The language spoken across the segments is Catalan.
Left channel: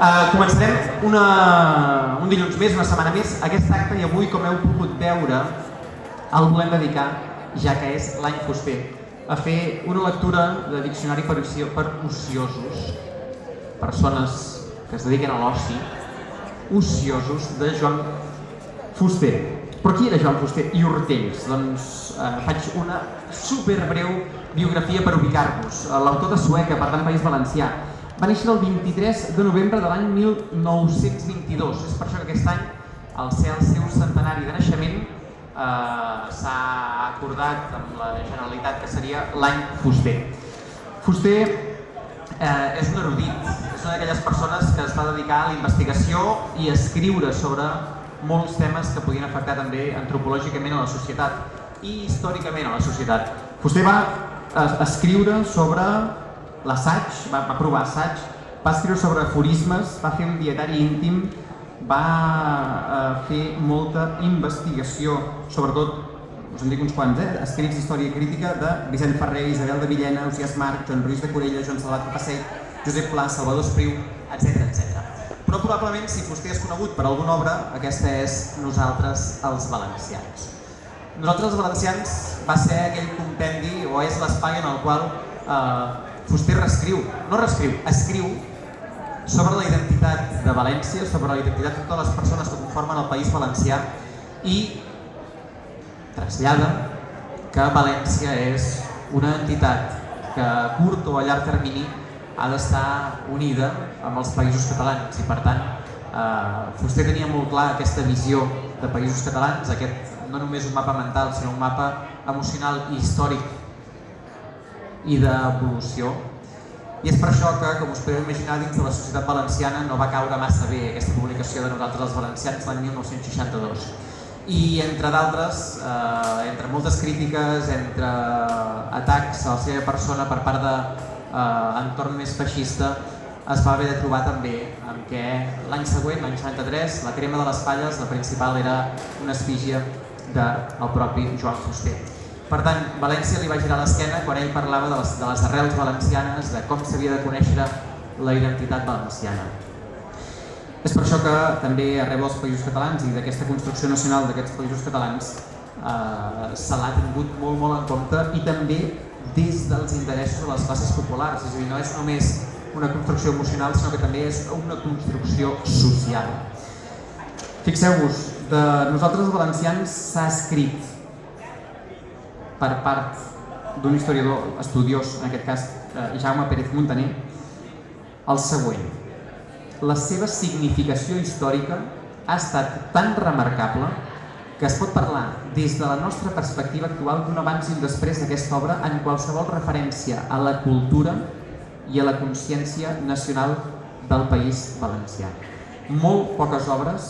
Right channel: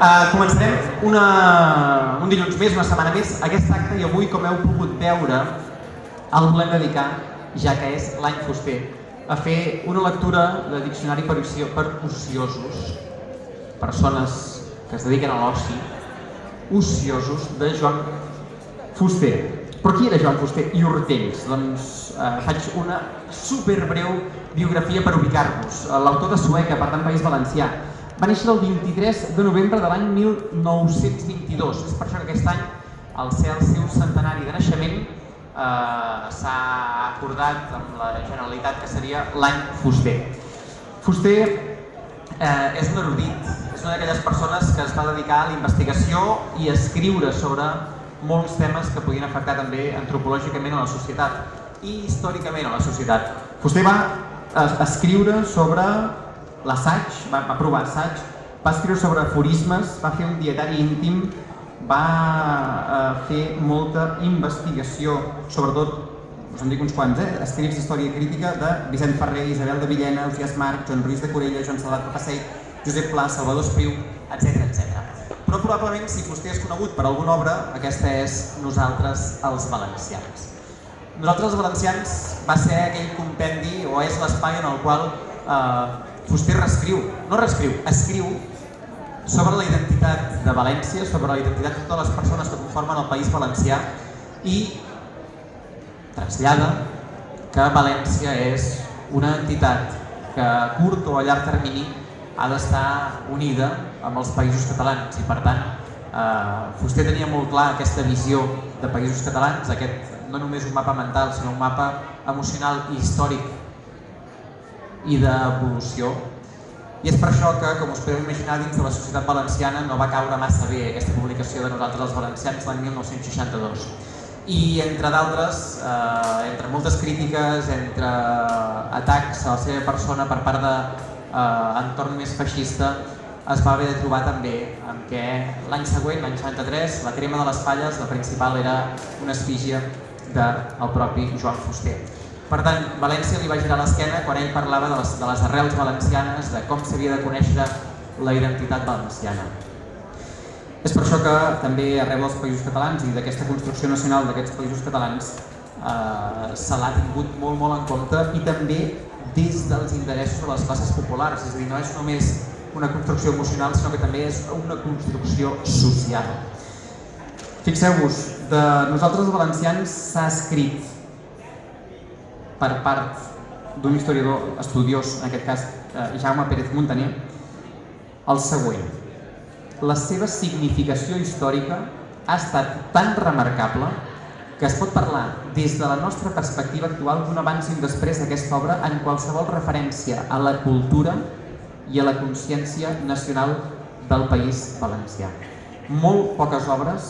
Començarem un dilluns més, una setmana més, aquest acte, i avui, com heu pogut veure, el volem dedicar, ja que és l'any fuster, a fer una lectura de diccionari per ociosos, persones que es dediquen a l'oci, ociosos, de Joan Fuster. Però qui era Joan Fuster i Hortells? Doncs faig una superbreu biografia per ubicar-vos. L'autor de Sueca, per tant, País Valencià. Va néixer el 23 de novembre de l'any 1922. És per això que aquest any, al ser el seu centenari de naixement, s'ha acordat amb la Generalitat que seria l'any fuster. Fuster és un erudit, és una d'aquelles persones que es va dedicar a la investigació i a escriure sobre molts temes que podien afectar també antropològicament a la societat i històricament a la societat. Fuster va escriure sobre l'assaig, va provar assaig, va escriure sobre aforismes, va fer un dietari íntim, va fer molta investigació, sobretot, us en dic uns quants, escrits d'història crítica de Vicent Ferrer, Isabel de Villena, Ausiàs Marc, Joan Ruiz de Corella, Joan Salat de Passell, Josep Pla, Salvador Espriu, etc. Però probablement, si Fuster és conegut per alguna obra, aquesta és Nosaltres els valencians. Nosaltres els valencians va ser aquell compendi, o és l'espai en el qual Fuster escriu sobre la identitat de València, sobre la identitat de totes les persones que conformen el País Valencià i trasllada que València és una entitat que a curt o a llarg termini ha d'estar unida amb els països catalans i, per tant, Fuster tenia molt clar aquesta visió de països catalans, aquest no només un mapa mental, sinó un mapa emocional i històric i d'evolució. I és per això que, com us podeu imaginar, dins de la societat valenciana no va caure massa bé aquesta publicació de Nosaltres els valencians l'any 1962. I entre d'altres, entre moltes crítiques, entre atacs a la seva persona per part d'entorn més feixista, es va haver de trobar també en què l'any següent, l'any 73, la crema de les falles, la principal era una efígie del propi Joan Fuster. Per tant, València li va girar l'esquena quan ell parlava de les arrels valencianes, de com s'havia de conèixer la identitat valenciana. És per això que també arreu dels països catalans i d'aquesta construcció nacional d'aquests països catalans se l'ha tingut molt en compte i també des dels interessos de les classes populars. És a dir, no és només una construcció emocional, sinó que també és una construcció social. Fixeu-vos, de Nosaltres els valencians s'ha escrit per part d'un historiador estudiós, en aquest cas Jaume Pérez Montaner, el següent. La seva significació històrica ha estat tan remarcable que es pot parlar des de la nostra perspectiva actual d'un abans i un després d'aquesta obra en qualsevol referència a la cultura i a la consciència nacional del País Valencià. Molt poques obres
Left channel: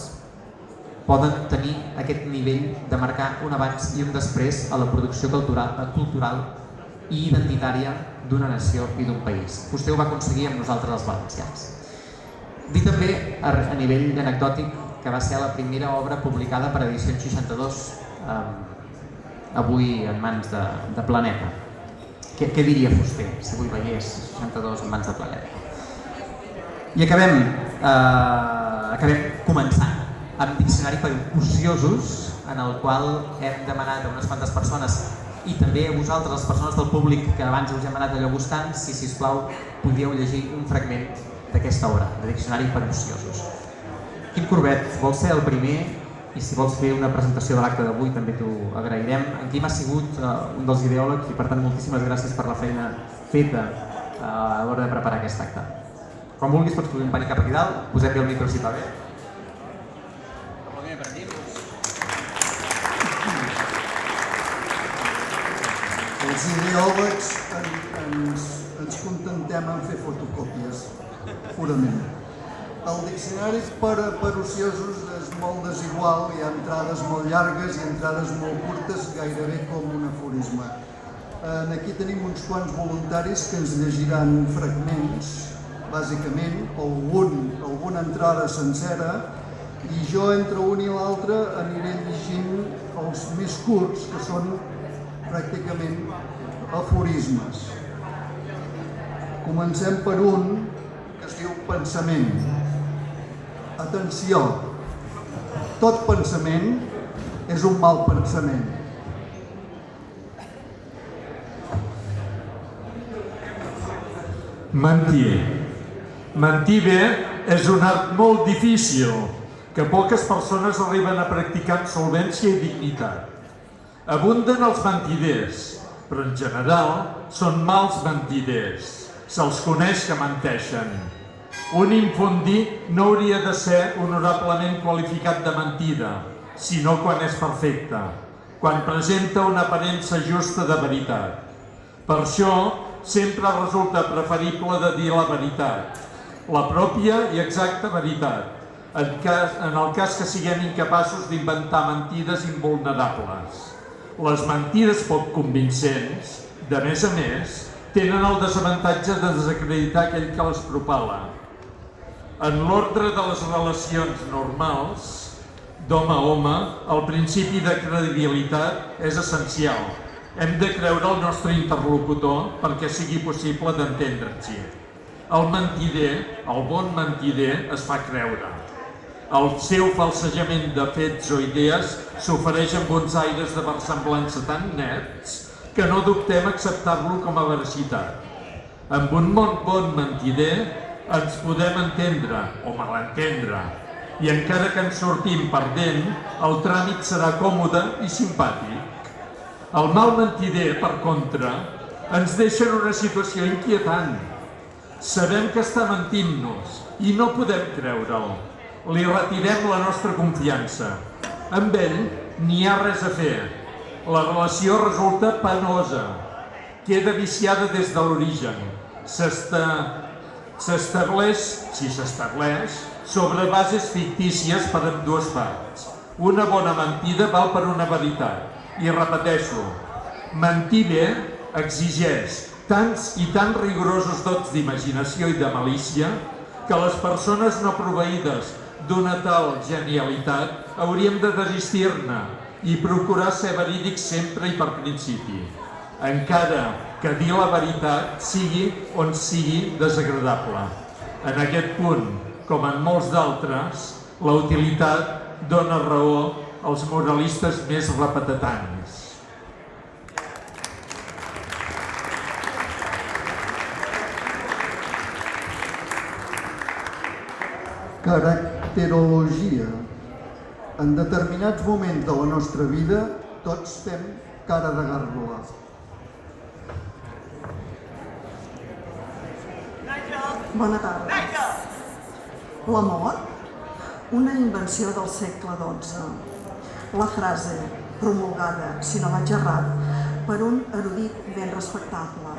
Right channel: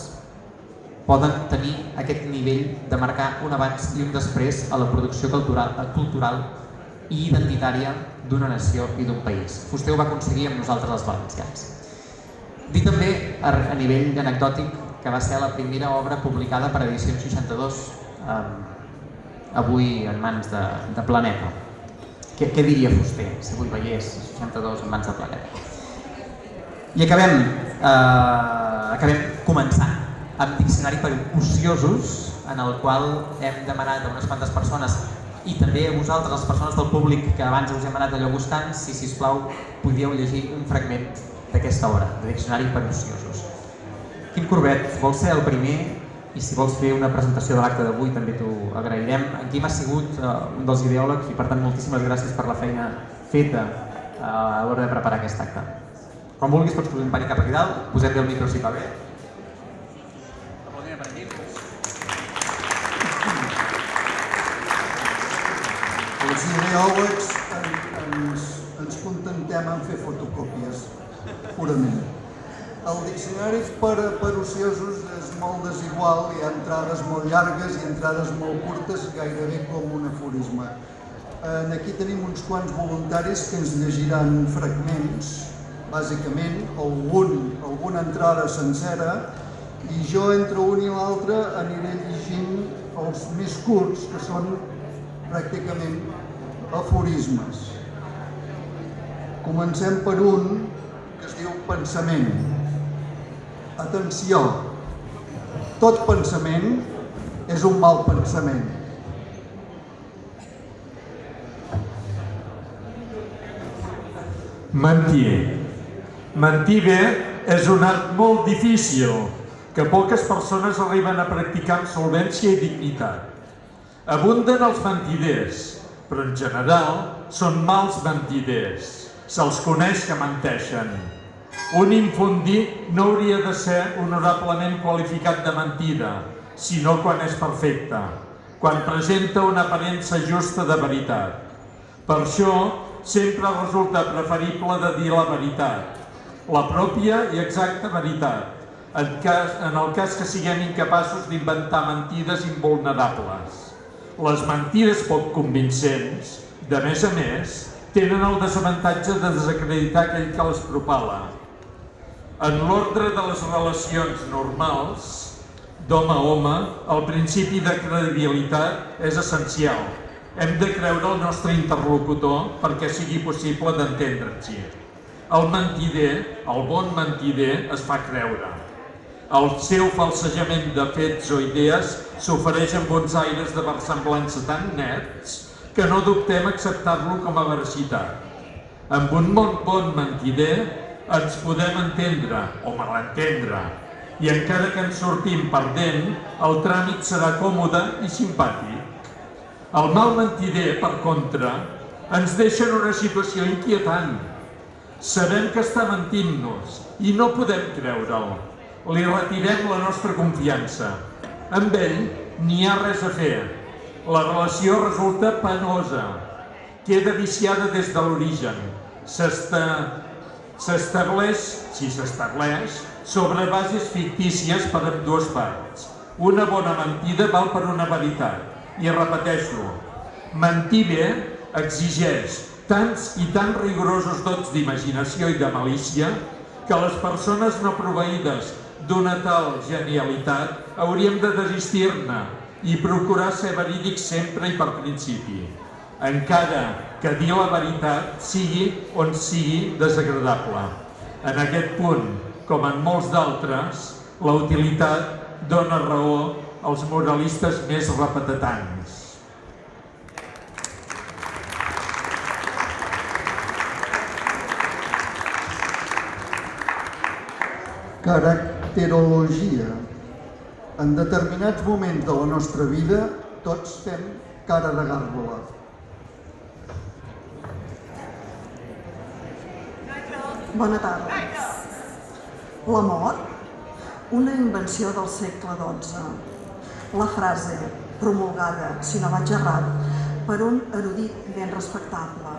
poden tenir aquest nivell de marcar un abans i un després a la producció cultural i identitària d'una nació i d'un país. Fuster ho va aconseguir amb Nosaltres els valencians. Dir també, a nivell anecdòtic, que va ser la primera obra publicada per Edicions 62, avui en mans de Planeta. Què diria Fuster si avui veiés 62 en mans de Planeta? I acabem començant amb Diccionari per ociosos, en el qual hem demanat a unes quantes persones i també a vosaltres, les persones del públic que abans us hem anat allò gustant, si sisplau podíeu llegir un fragment d'aquesta obra, de Diccionari per ociosos. Quim Corbet, vols ser el primer? I si vols fer una presentació de l'acte d'avui també t'ho agrairem. En Quim ha sigut un dels ideòlegs i per tant moltíssimes gràcies per la feina feta a l'hora de preparar aquest acte. Quan vulguis pots posar un pany cap aquí dalt, posem bé el micro si va bé. Els ideòlegs ens contentem en fer fotocòpies, purament. El diccionari per ociosos és molt desigual, hi ha entrades molt llargues i entrades molt curtes, gairebé com un aforisme. Aquí tenim uns quants voluntaris que ens llegiran fragments, bàsicament, alguna entrada sencera, i jo entre un i l'altre aniré llegint els més curts, que són pràcticament aforismes. Comencem per un que es diu pensament. Atenció, tot pensament és un mal pensament. Mentir. Mentir bé és un art molt difícil que poques persones arriben a practicar amb solvència i dignitat. Abunden els mentiders, però en general són mals mentiders. Se'ls coneix que menteixen. Un infundí no hauria de ser honorablement qualificat de mentida, sinó quan és perfecte, quan presenta una aparença justa de veritat. Per això, sempre resulta preferible de dir la veritat, la pròpia i exacta veritat, en el cas que siguem incapaços d'inventar mentides invulnerables. Les mentides poc convincents, de més a més, tenen el desavantatge de desacreditar aquell que les propala. En l'ordre de les relacions normals, d'home a home, el principi de credibilitat és essencial. Hem de creure el nostre interlocutor perquè sigui possible d'entendre'ns-hi. El mentider, el bon mentider, es fa creure. El seu falsejament de fets o idees s'ofereix amb uns aires de versemblança tan nets que no dubtem acceptar-lo com a veracitat. Amb un bon mentider ens podem entendre o malentendre i encara que ens sortim perdent, el tràmit serà còmode i simpàtic. El mal mentider, per contra, ens deixa en una situació inquietant. Sabem que està mentint-nos i no podem creure'l. Li retirem la nostra confiança. Amb ell n'hi ha res a fer. La relació resulta penosa. Queda viciada des de l'origen. S'estableix, si s'estableix, sobre bases fictícies per ambdues parts. Una bona mentida val per una veritat. I repeteixo, mentir bé exigeix tants i tan rigorosos dots d'imaginació i de malícia que les persones no proveïdes d'una tal genialitat hauríem de desistir-ne i procurar ser verídics sempre i per principi, encara que dir la veritat sigui on sigui desagradable. En aquest punt, com en molts d'altres, la utilitat dona raó als moralistes més repetetans. Caracterologia. En determinats moments de la nostra vida, tots fem cara de gàrgola. Bona tarda. L'amor, una invenció del segle XII. La frase, promulgada, si no vaig errat, per un erudit ben respectable.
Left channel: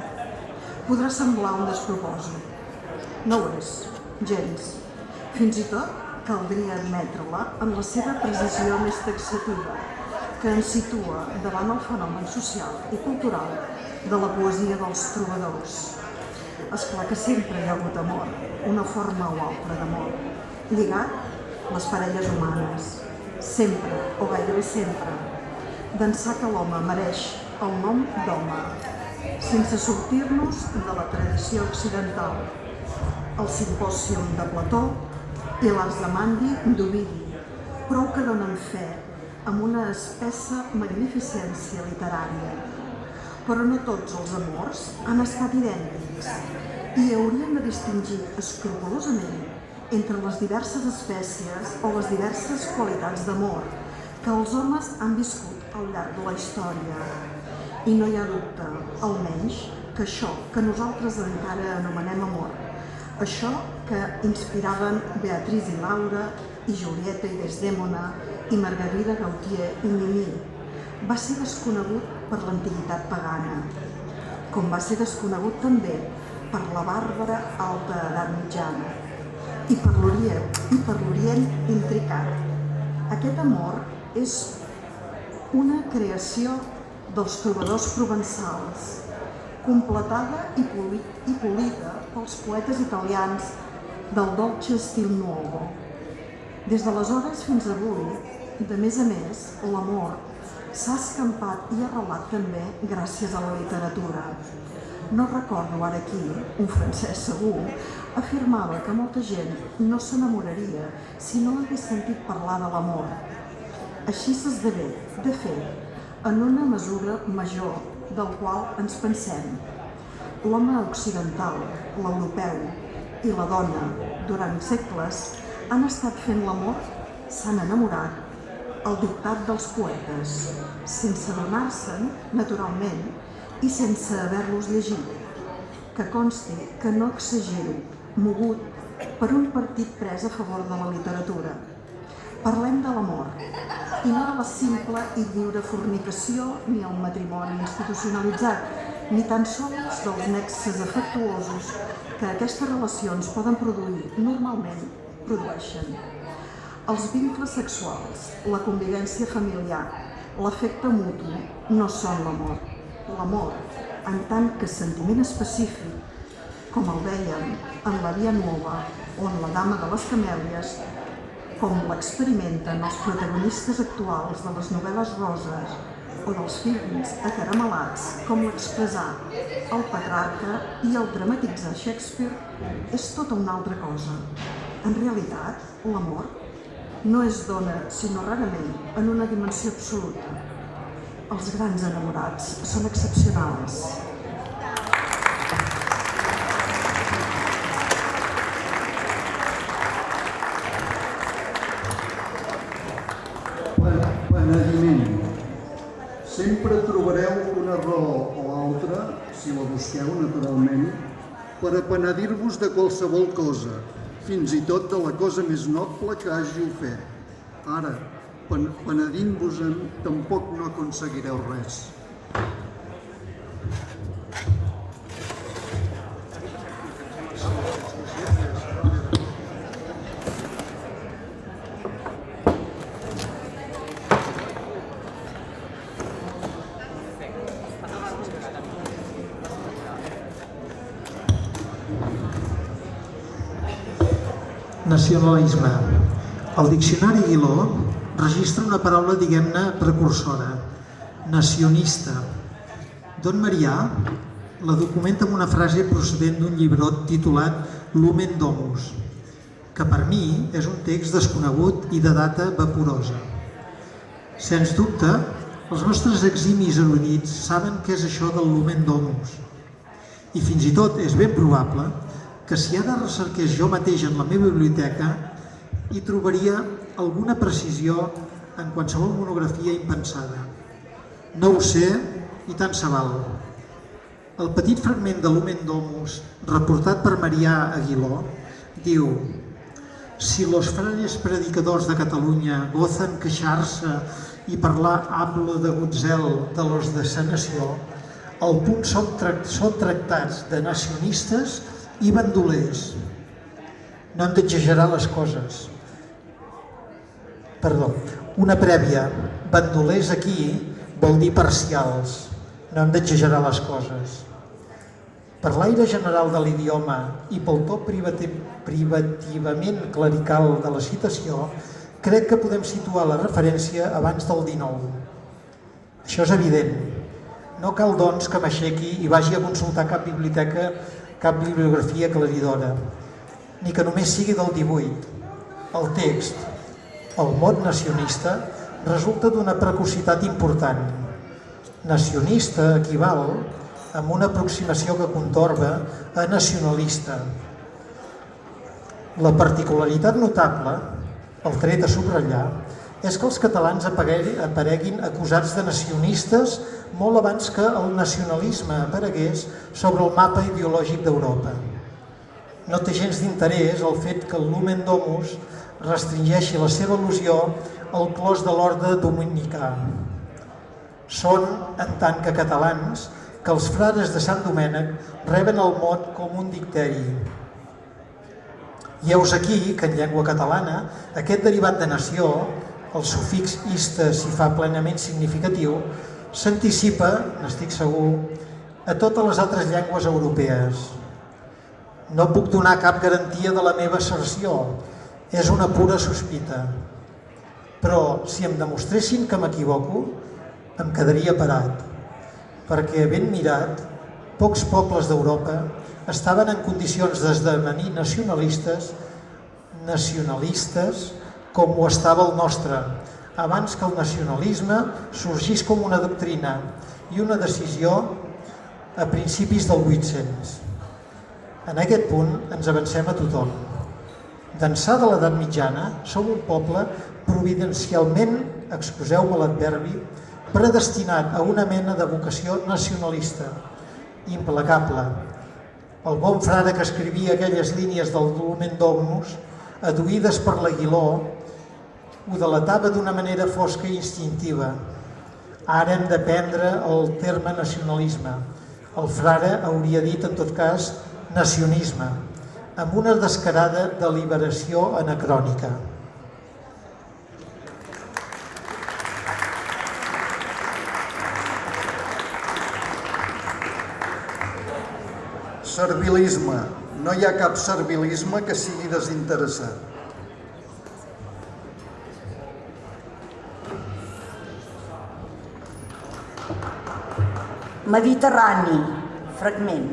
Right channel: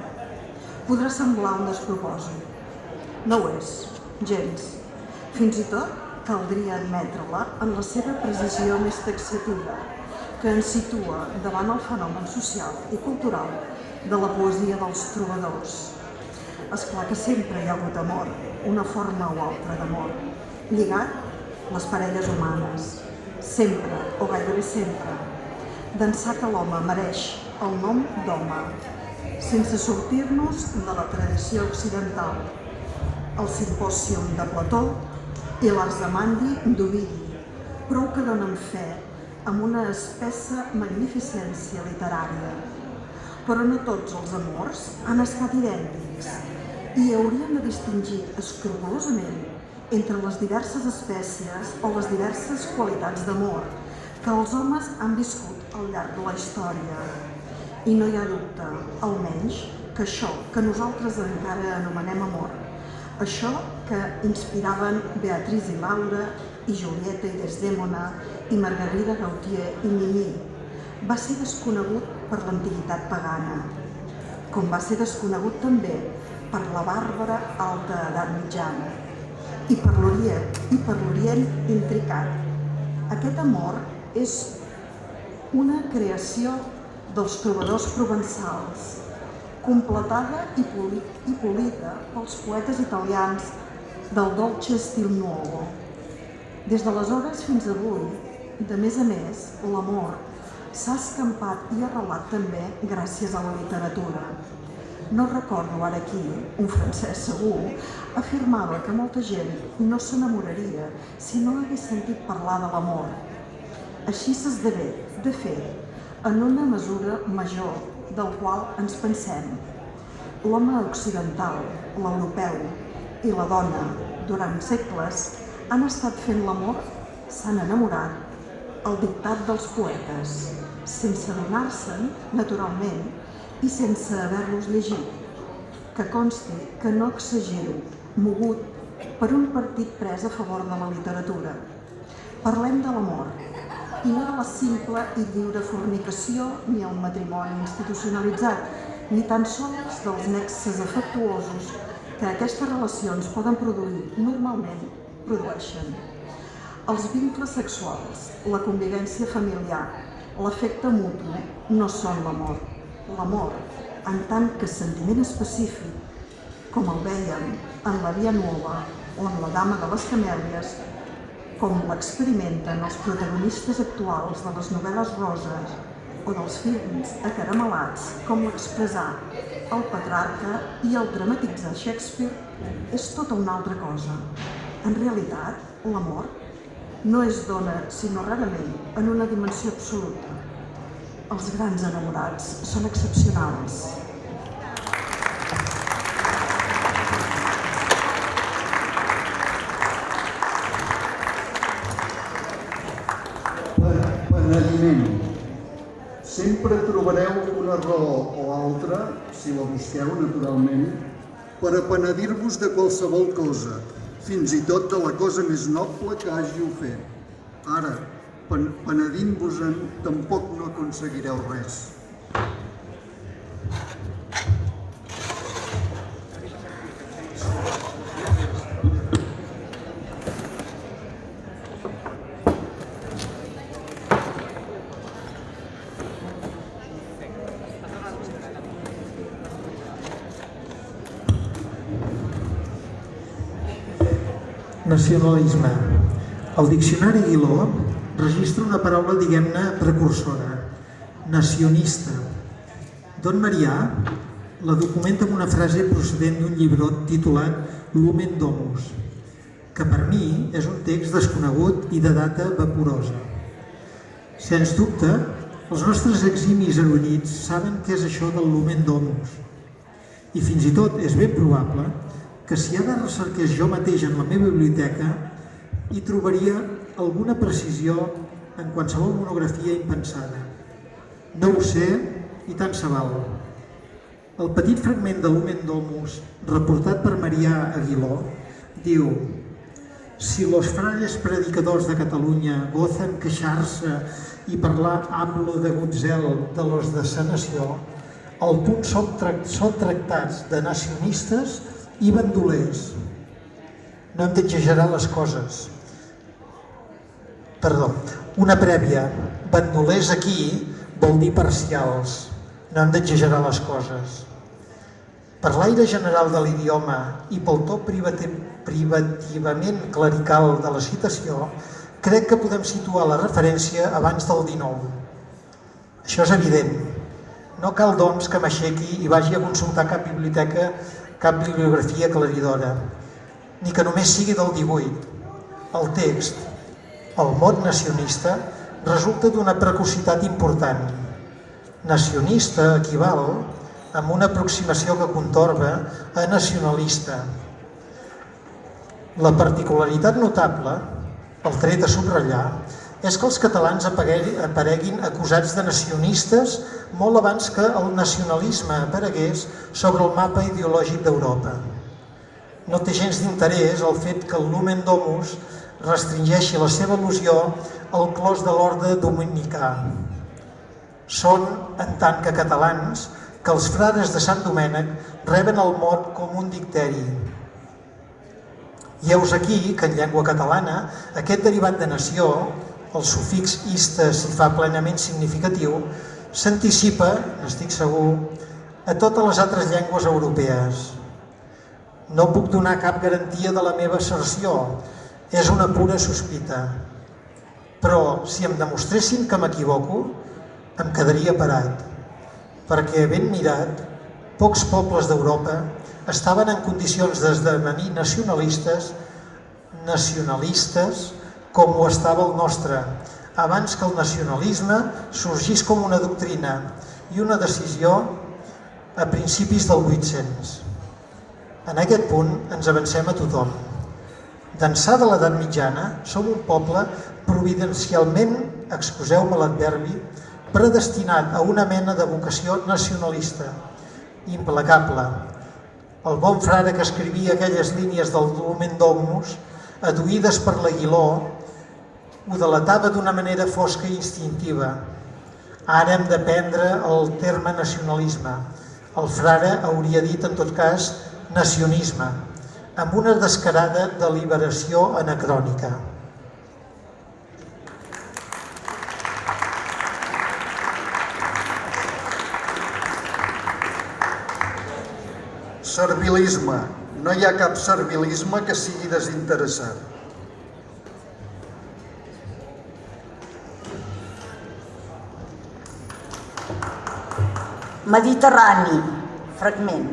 Podrà semblar un despropòsit. No ho és, gens. Fins i tot caldria admetre-la en la seva precisió més taxativa, que ens situa davant el fenomen social i cultural de la poesia dels trobadors. És clar que sempre hi ha hagut amor, una forma o altra d'amor, lligat les parelles humanes, sempre, o gairebé sempre, d'ençà que l'home mereix el nom d'home, sense sortir-nos de la tradició occidental, el Simpòsium de Plató i l'Ars Amandi d'Ovidi, prou que donen fe amb una espessa magnificència literària. Però no tots els amors han estat idèntics i hauríem de distingir escrupolosament entre les diverses espècies o les diverses qualitats d'amor que els homes han viscut al llarg de la història. I no hi ha dubte, almenys, que això que nosaltres encara anomenem amor, això que inspiraven Beatriz i Laura, i Julieta i Desdèmona, i Margarida Gautier i Mimí, va ser desconegut per l'antiguitat pagana, com va ser desconegut també per la bàrbara alta edat mitjana i per l'Orient intricat. Aquest amor és una creació dels trobadors provençals, completada i polida pels poetes italians del dolce stil nuovo. Des d'aleshores fins avui, de més a més, l'amor s'ha escampat i arrelat també gràcies a la literatura. No recordo ara aquí, un francès segur, afirmava que molta gent no s'enamoraria si no hagués sentit parlar de l'amor. Així s'esdevé, de fet, en una mesura major del qual ens pensem. L'home occidental, l'europeu i la dona, durant segles, han estat fent l'amor, s'han enamorat, al dictat dels poetes, sense adonar-se'n, naturalment, i sense haver-los llegit. Que consti que no exagero, mogut per un partit pres a favor de la literatura. Parlem de l'amor, i no de la simple i lliure fornicació ni el matrimoni institucionalitzat, ni tan sols dels nexes afectuosos que aquestes relacions poden produir, normalment produeixen. Els vincles sexuals, la convivència familiar, l'afecte mutu no són l'amor. L'amor, en tant que sentiment específic, com el vèiem en La Via Nuova o en La Dama de les Camèlies, com l'experimenten els protagonistes actuals de les novel·les roses o dels films acaramelats, com l'expressar el Petrarca i el dramatitzar Shakespeare, és tota una altra cosa. En realitat, l'amor no es dona, sinó rarament, en una dimensió absoluta. Els grans enamorats són excepcionals. Penediment. Sempre trobareu una raó o altra, si la busqueu naturalment, per a penedir-vos de qualsevol cosa, fins i tot de la cosa més noble que hàgiu fet. Ara, penedint-vos-en, tampoc no aconseguireu res. Nacionalisme. El diccionari Guiló registra una paraula, diguem-ne, precursora, nacionista. Don Marià la documenta amb una frase procedent d'un llibrot titulat Lumen Domus, que per mi és un text desconegut i de data vaporosa. Sens dubte, els nostres eximis erudits saben què és això del Lumen Domus, i fins i tot és ben probable que si ara recerqués jo mateix en la meva biblioteca hi trobaria alguna precisió en qualsevol monografia impensada. No ho sé i tant se val. El petit fragment de Lumen Domus, reportat per Marià Aguiló, diu: si los frares predicadors de Catalunya gozan queixar-se i parlar hablo de gutzel de los de sa nació, al punt són tractats de nacionistes i bandolers. No hem d'exagerar les coses. Perdó, una prèvia. Bandolers aquí vol dir parcials. No hem d'exagerar les coses. Per l'aire general de l'idioma i pel to privativament clerical de la citació, crec que podem situar la referència abans del 19. Això és evident. No cal, doncs, que m'aixequi i vagi a consultar cap biblioteca, cap bibliografia aclaridora, ni que només sigui del 18. El text, el mot nacionista, resulta d'una precocitat important. Nacionista equival, amb una aproximació que contorba, a nacionalista. La particularitat notable, el tret a subratllar, és que els catalans apareguin acusats de nacionistes molt abans que el nacionalisme aparegués sobre el mapa ideològic d'Europa. No té gens d'interès el fet que el Lumen Domus restringeixi la seva al·lusió al clos de l'orde dominicà. Són, en tant que catalans, que els frares de Sant Domènec reben el mot com un dicteri. I heus aquí que en llengua catalana aquest derivat de nació, el sufix ista s'hi fa plenament significatiu, s'anticipa, n'estic segur, a totes les altres llengües europees. No puc donar cap garantia de la meva asserció, és una pura sospita. Però si em demostressin que m'equivoco, em quedaria parat, perquè ben mirat pocs pobles d'Europa estaven en condicions d'esdevenir nacionalistes com ho estava el nostre, abans que el nacionalisme sorgís com una doctrina i una decisió a principis del 800. En aquest punt ens avancem a tothom. D'ençà de l'edat mitjana som un poble providencialment, excuseu-me l'adverbi, predestinat a una mena de vocació nacionalista, implacable. El bon frare que escrivia aquelles línies del Lumen Dominus, aduïdes per l'Aguiló, ho delatava d'una manera fosca i instintiva. Ara hem de prendre el terme nacionalisme. El frare hauria dit, en tot cas, nacionisme, amb una descarada deliberació anacrònica. Servilisme. No hi ha cap servilisme que sigui desinteressat. Mediterrani, fragment.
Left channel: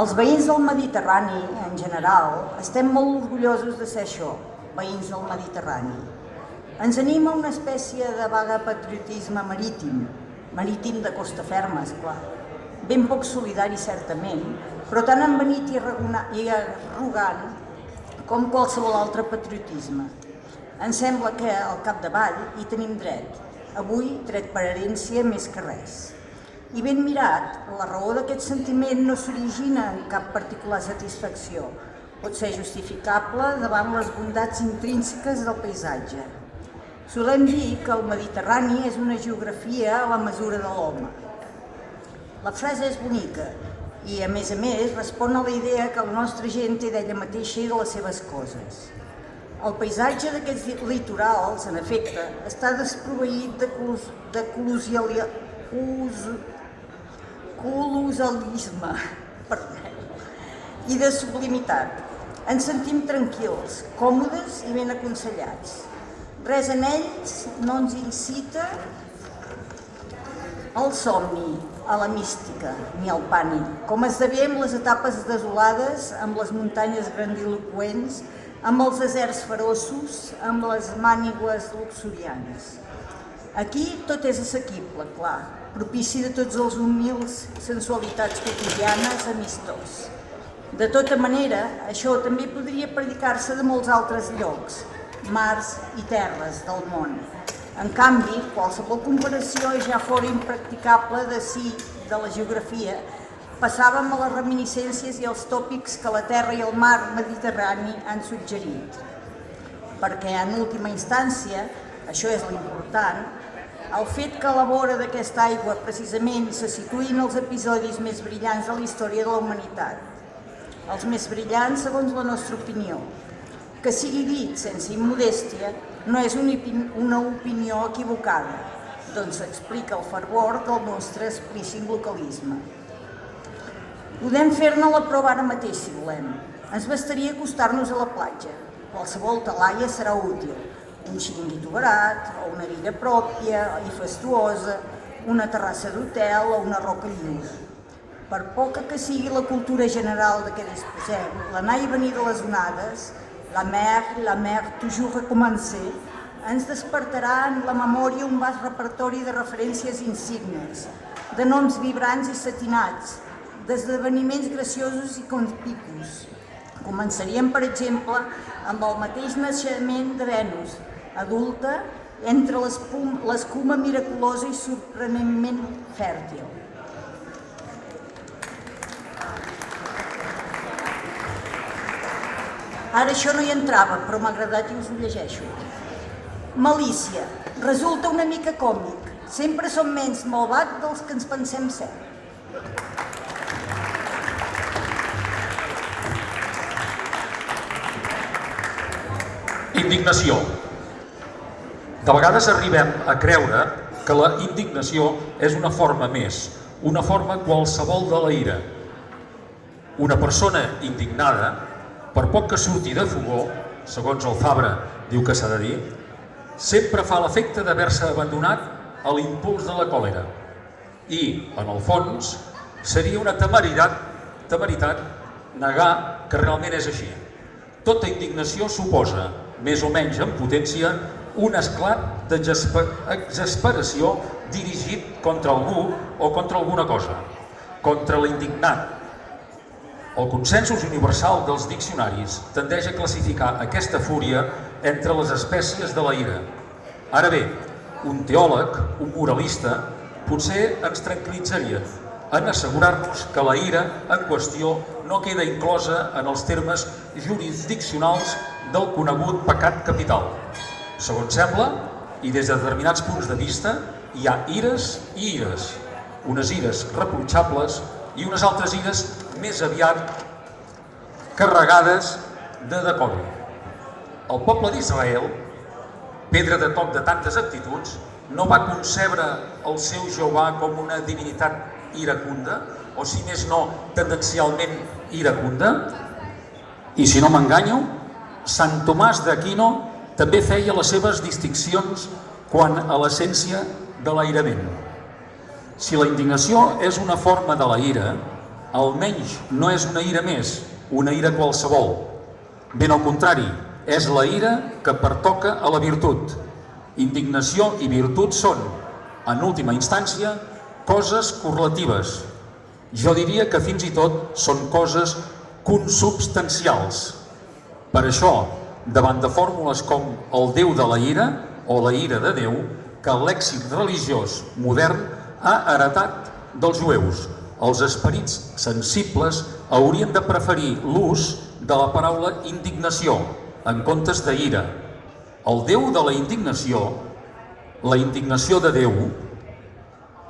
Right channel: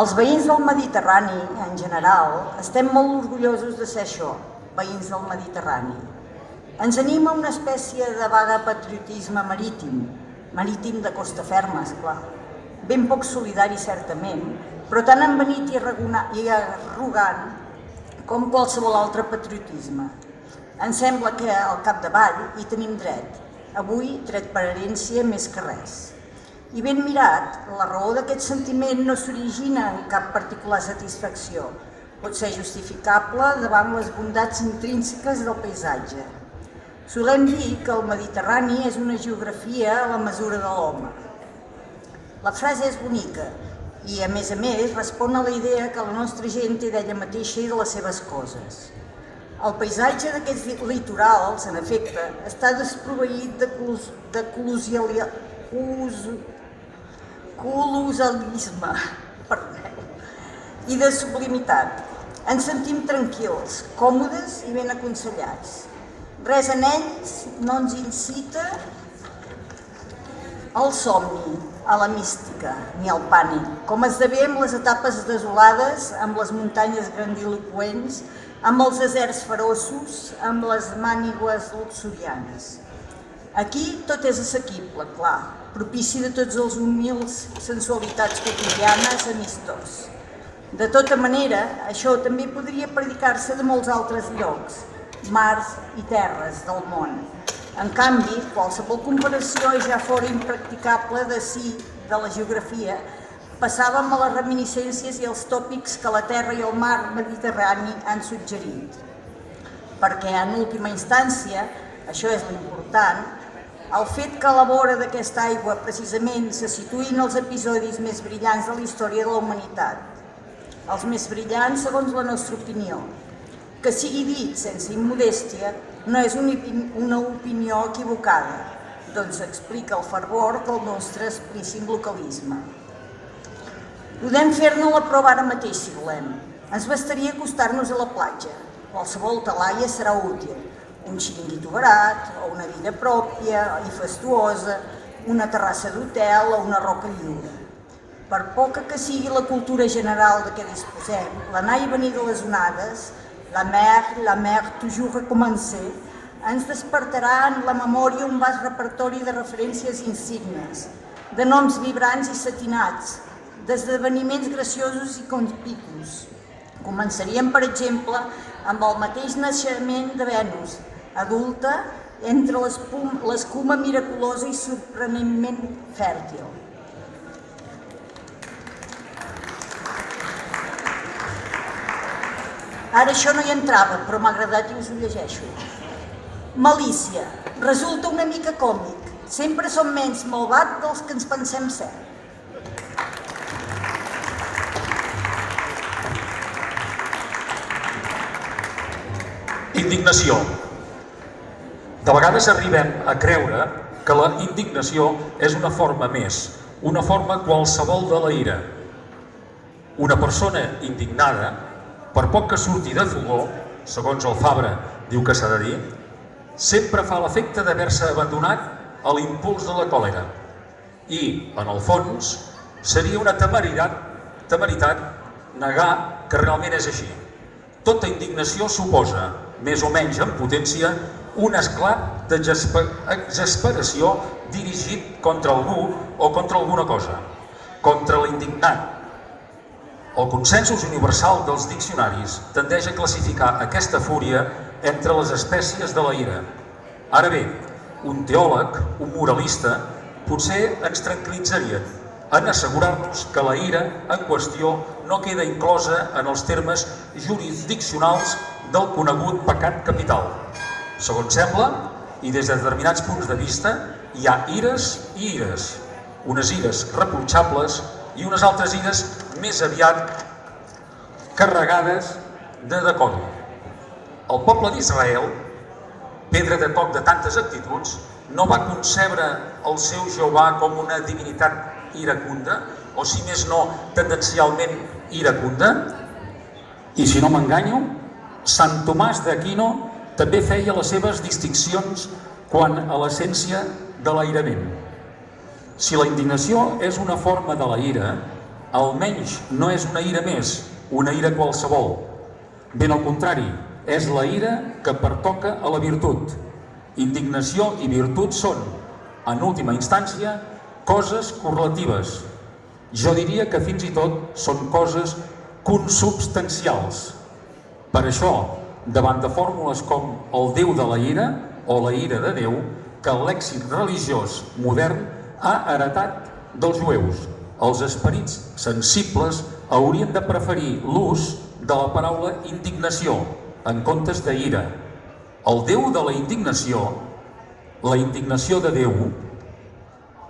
Els veïns del Mediterrani, en general, estem molt orgullosos de ser això, veïns del Mediterrani. Ens anima una espècie de vaga patriotisme marítim de costa ferma, esclar. Ben poc solidari, certament, però tan envenit i arrogant com qualsevol altre patriotisme. Ens sembla que, al capdavall, hi tenim dret. Avui, dret per herència més que res. I ben mirat, la raó d'aquest sentiment no s'origina en cap particular satisfacció. Pot ser justificable davant les bondats intrínseques del paisatge. Solem dir que el Mediterrani és una geografia a la mesura de l'home. La frase és bonica i, a més, respon a la idea que la nostra gent té d'ella mateixa i de les seves coses. El paisatge d'aquests litorals, en efecte, està desproveït de colossalisme i de sublimitat. Ens sentim tranquils, còmodes i ben aconsellats. Res en ells no ens incita al somni, a la mística, ni al pànic, com esdevé amb les etapes desolades, amb les muntanyes grandiloqüents, amb els deserts ferossos, amb les mànigues luxurianes. Aquí tot és assequible, clar, propici de tots els humils sensualitats quotidianes, amistós. De tota manera, això també podria predicar-se de molts altres llocs, mars i terres del món. En canvi, qualsevol comparació ja fora impracticable de la geografia, passàvem a les reminiscències i als tòpics que la terra i el mar Mediterrani han suggerit. Perquè, en última instància, això és l'important, el fet que a la vora d'aquesta aigua precisament se situïn els episodis més brillants de la història de la humanitat. Els més brillants segons la nostra opinió. Que sigui dit sense immodèstia, no és una opinió equivocada, doncs explica el fervor del nostre explícit localisme. Podem fer-ne la prova ara mateix, si volem. Ens bastaria acostar-nos a la platja. Qualsevol talaia serà útil. Un xiringuito barat, o una biga pròpia i fastuosa, una terrassa d'hotel o una roca lliure. Per poca que sigui la cultura general de què disposem, l'anar i venir de les onades, la mer, toujours recommencer, ens despertarà en la memòria un vast repertori de referències insignes, de noms vibrants i satinats, d'esdeveniments graciosos i conspicus. Començaríem, per exemple, amb el mateix naixement de Venus, adulta, entre l'escuma miraculosa i sorprenentment fèrtil. Ara això no hi entrava, però m'ha agradat i us ho llegeixo. Malícia. Resulta una mica còmic. Sempre som menys malvat dels que ens pensem ser. Indignació. De vegades arribem a creure que la indignació és una forma més, una forma qualsevol de la ira. Una persona indignada, per poc que surti de fogó, segons el Fabra diu que s'ha de dir, sempre fa l'efecte d'haver-se abandonat a l'impuls de la còlera i, en el fons, Seria una temeritat negar que realment és així. Tota indignació suposa, més o menys en potència, un esclat d'exasperació dirigit contra algú o contra alguna cosa, contra l'indignat. El consensus universal dels diccionaris tendeix a classificar aquesta fúria entre les espècies de la ira. Ara bé, un teòleg, un moralista, potser ens tranquil·litzaria en assegurar-nos que la ira en qüestió no queda inclosa en els termes jurisdiccionals del conegut pecat capital. Segons sembla, i des de determinats punts de vista, hi ha ires i ires, unes ires reprotxables i unes altres ires més aviat carregades de decoro. El poble d'Israel, pedra de toc de tantes actituds, no va concebre el seu Jehovà com una divinitat iracunda, o si més no, tendencialment iracunda. I si no m'enganyo, Sant Tomàs d'Aquino també feia les seves distincions quant a l'essència de l'airament. Si la indignació és una forma de la ira, almenys no és una ira més, una ira qualsevol. Ben al contrari, és la ira que pertoca a la virtut. Indignació i virtut són, en última instància, coses correlatives. Jo diria que fins i tot són coses consubstancials. Per això, davant de fórmules com el Déu de la ira o la ira de Déu, que el lèxic religiós modern ha heretat dels jueus, els esperits sensibles haurien de preferir l'ús de la paraula indignació en comptes de ira. El Déu de la indignació de Déu,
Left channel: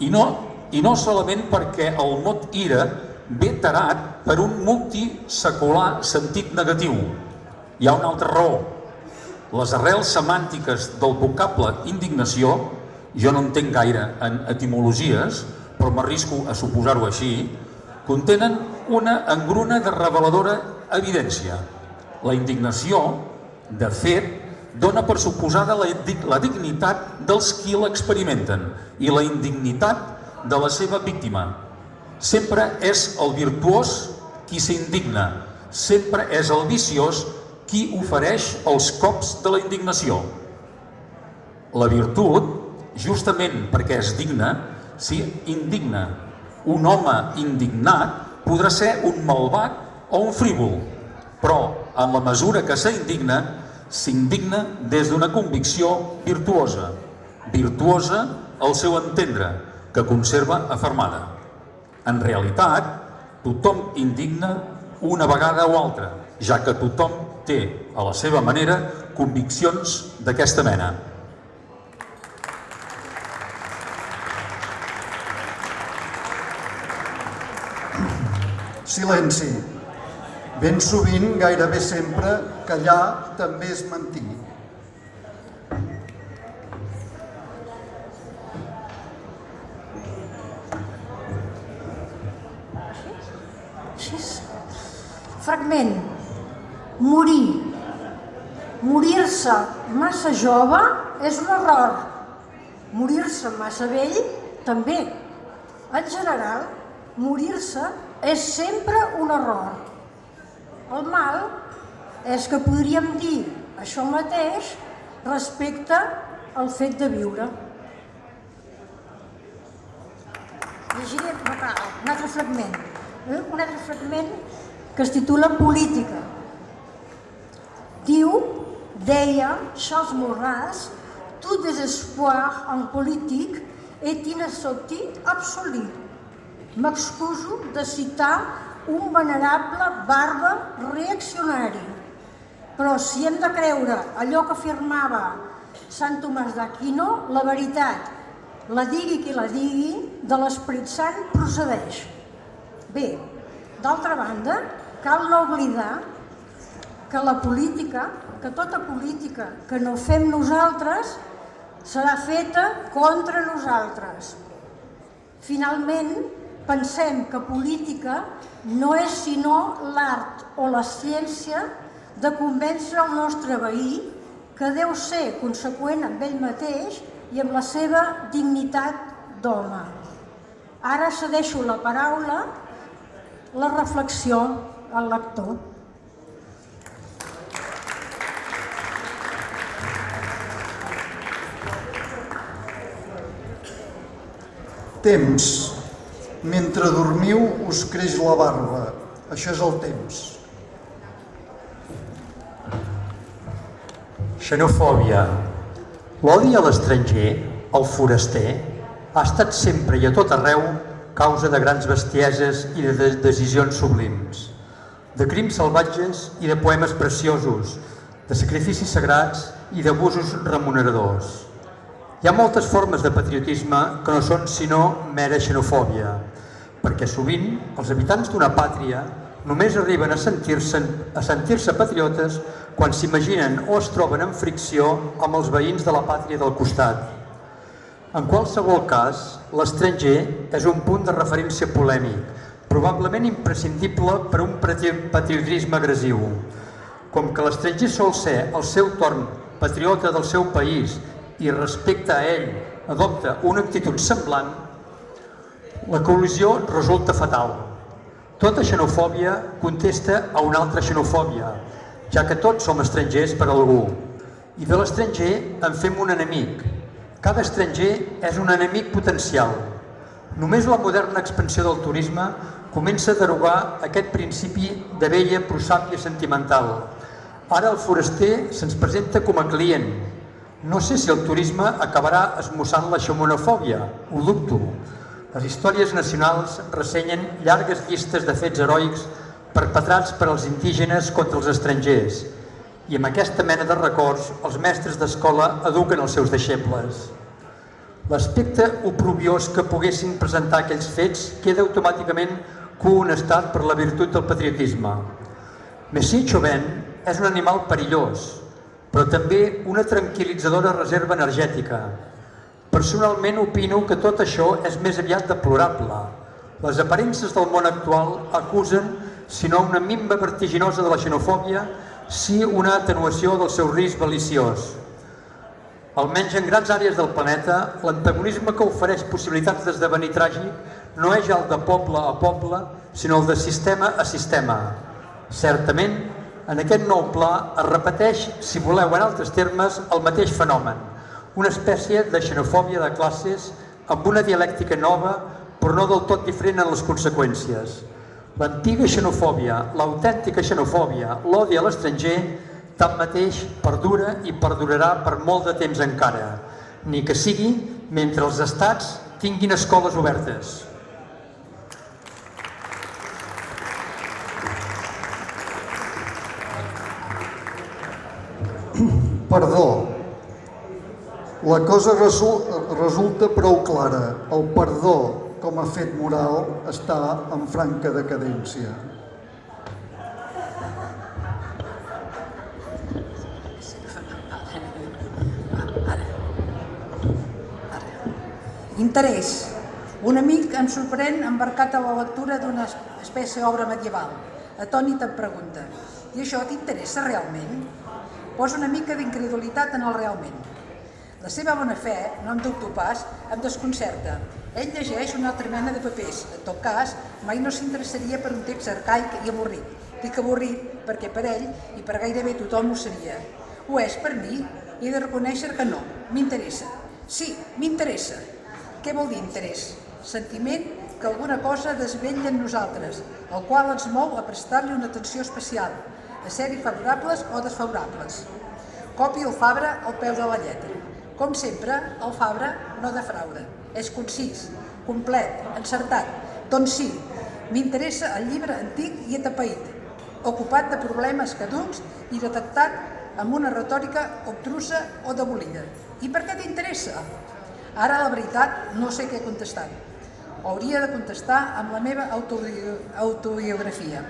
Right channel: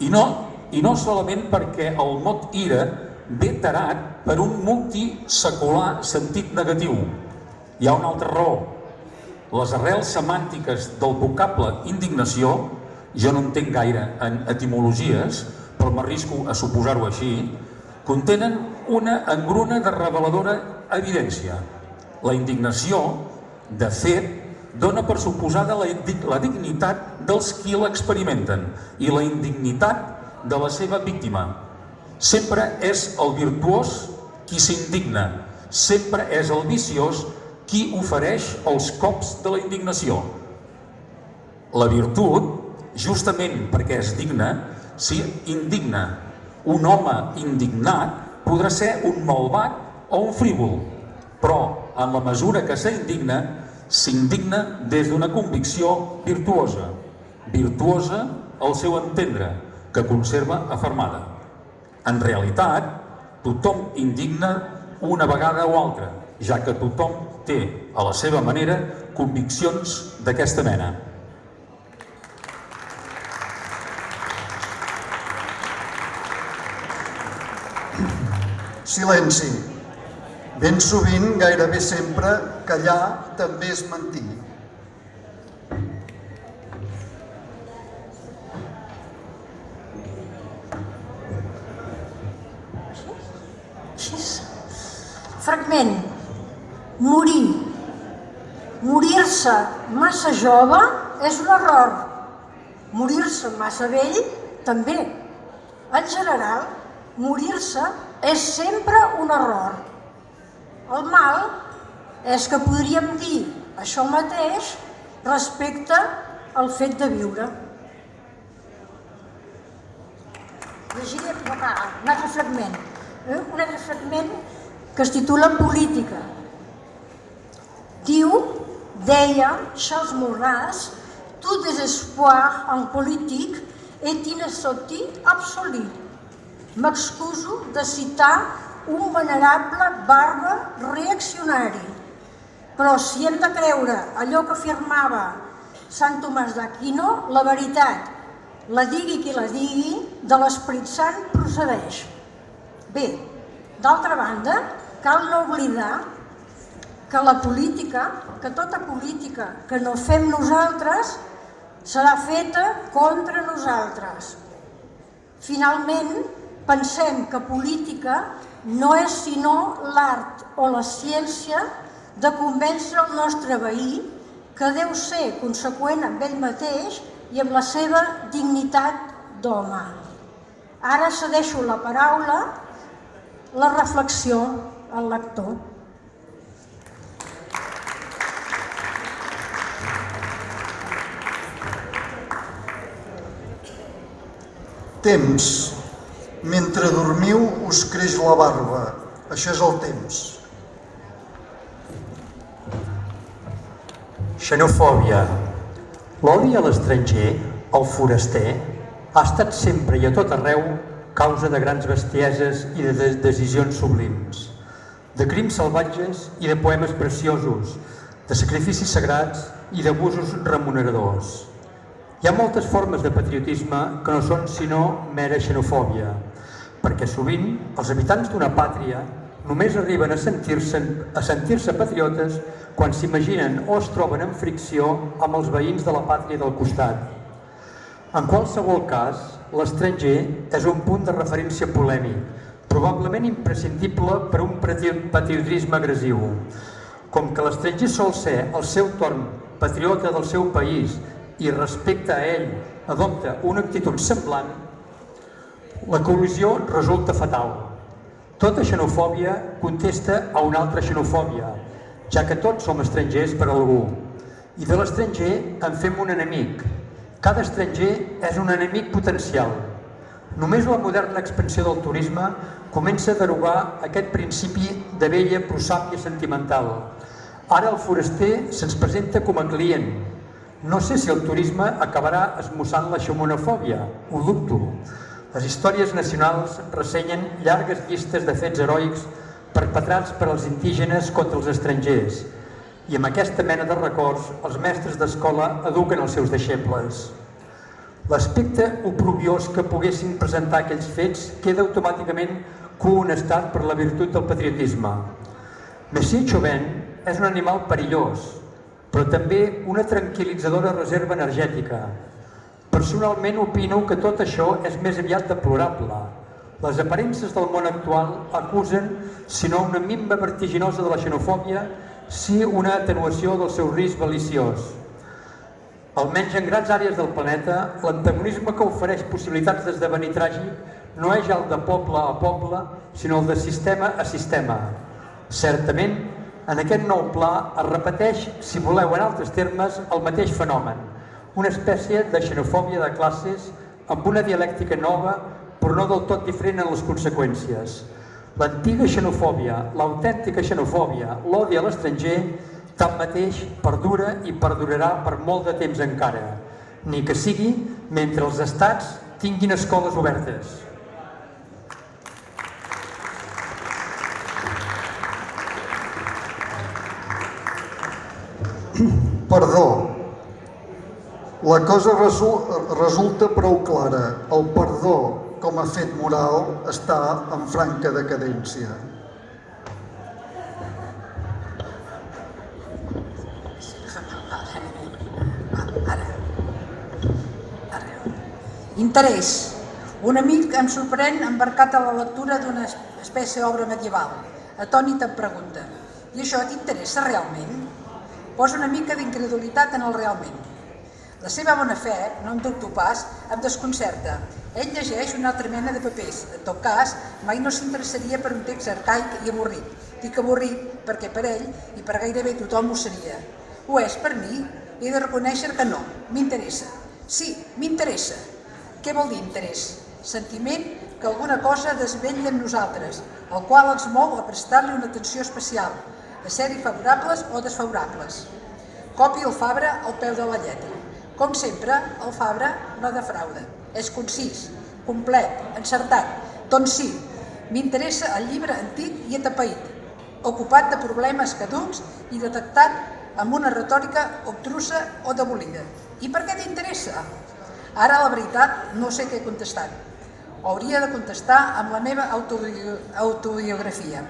i no solament perquè el mot ira ve tarat per un multisecular sentit negatiu. Hi ha una altra raó. Les arrels semàntiques del vocable indignació, jo no entenc gaire en etimologies, però m'arrisco a suposar-ho així, contenen una engruna de reveladora evidència. La indignació, de fet, dona per suposada la dignitat dels qui l'experimenten i la indignitat de la seva víctima. Sempre és el virtuós qui s'indigna, sempre és el viciós qui ofereix els cops de la indignació. La virtut, justament perquè és digna, s'hi indigna. Un home indignat podrà ser un malvat o un frívol, però en la mesura que s'indigna des d'una convicció virtuosa. Virtuosa al seu entendre, que conserva afermada. En realitat, tothom indigna una vegada o altra, ja que tothom té, a la seva manera, conviccions d'aquesta mena. Silenci. Ben sovint, gairebé sempre, callar també és mentir. Fragment. Morir. Morir-se massa jove és un error. Morir-se massa vell, també. En general, morir-se és sempre un error. El mal és que podríem dir això mateix respecte al fet de viure. Llegiré un altre fragment que es titula Política. Deia Charles Maurras, tout désespoir en politique est une sottise absolue. M'excuso de citar un venerable bàrbar reaccionari, però si hem de creure allò que afirmava Sant Tomàs d'Aquino, la veritat, la digui qui la digui, de l'Esperit Sant procedeix. Bé, d'altra banda, cal no oblidar que la política, que tota política que no fem nosaltres, serà feta contra nosaltres. Finalment, pensem que política no és sinó l'art o la ciència de convèncer el nostre veí que deu ser conseqüent amb ell mateix i amb la seva dignitat d'home. Ara cedeixo la paraula, la reflexió al lector. Temps. Mentre dormiu us creix la barba. Això és el temps. Xenofòbia. L'odi a l'estranger, al foraster, ha estat sempre i a tot arreu causa de grans bestieses i de decisions sublims, de crims salvatges i de poemes preciosos, de sacrificis sagrats i d'abusos remuneradors. Hi ha moltes formes de patriotisme que no són sinó mera xenofòbia, perquè sovint els habitants d'una pàtria només arriben a sentir-se patriotes quan s'imaginen o es troben en fricció amb els veïns de la pàtria del costat. En qualsevol cas, l'estranger és un punt de referència polèmic, probablement imprescindible per a un patriotisme agressiu. Com que l'estranger sol ser, al seu torn, patriota del seu país i respecte a ell adopta una actitud semblant, la col·lisió resulta fatal. Tota xenofòbia contesta a una altra xenofòbia, ja que tots som estrangers per a algú. I de l'estranger en fem un enemic. Cada estranger és un enemic potencial. Només la moderna expansió del turisme comença a derogar aquest principi de vella prosàpia sentimental. Ara el foraster se'ns presenta com a client. No sé si el turisme acabarà esmussant la xenofòbia, ho dubto. Les històries nacionals ressenyen llargues llistes de fets heroics perpetrats per als indígenes contra els estrangers, i amb aquesta mena de records els mestres d'escola eduquen els seus deixebles. L'aspecte oprobiós que poguessin presentar aquells fets queda automàticament cohonestat per la virtut del patriotisme. Messier Chauvin és un animal perillós, però també una tranquil·litzadora reserva energètica. Personalment opino que tot això és més aviat deplorable. Les aparences del món actual acusen, si no una minva vertiginosa de la xenofòbia, sí una atenuació del seu risc beliciós. Almenys en grans àrees del planeta, l'antagonisme que ofereix possibilitats d'esdevenir tràgic no és el de poble a poble, sinó el de sistema a sistema. Certament, en aquest nou pla es repeteix, si voleu en altres termes, el mateix fenomen, una espècie de xenofòbia de classes amb una dialèctica nova, però no del tot diferent en les conseqüències. L'antiga xenofòbia, l'autèntica xenofòbia, l'odi a l'estranger, tanmateix perdura i perdurarà per molt de temps encara, ni que sigui mentre els estats tinguin escoles obertes. Perdó. La cosa resulta prou clara. El perdó, com a fet moral, està en franca decadència. Interès. Un amic ens sorprèn embarcat a la lectura d'una espècie d'obra medieval. Atònit em pregunta: i això t'interessa realment? Posa una mica d'incredulitat en el realment. La seva bona fe, no en dubto pas, em desconcerta. Ell llegeix una altra mena de papers. En tot cas, mai no s'interessaria per un text arcaic i avorrit. Dic avorrit perquè per ell i per gairebé tothom ho seria. Ho és per mi? He de reconèixer que no. M'interessa. Sí, m'interessa. Què vol dir interès? Sentiment que alguna cosa desvetlla en nosaltres, el qual ens mou a prestar-li una atenció especial, a ser-hi favorables o desfavorables. Copi el Fabra al peu de la lletra. Com sempre, el Fabra no defrauda. És concís, complet, encertat. Doncs sí, m'interessa el llibre antic i atapeït, ocupat de problemes caducs i detectat amb una retòrica obtrusa o debolida. I per què t'interessa? Ara, la veritat, no sé què contestar. Hauria de contestar amb la meva autobiografia.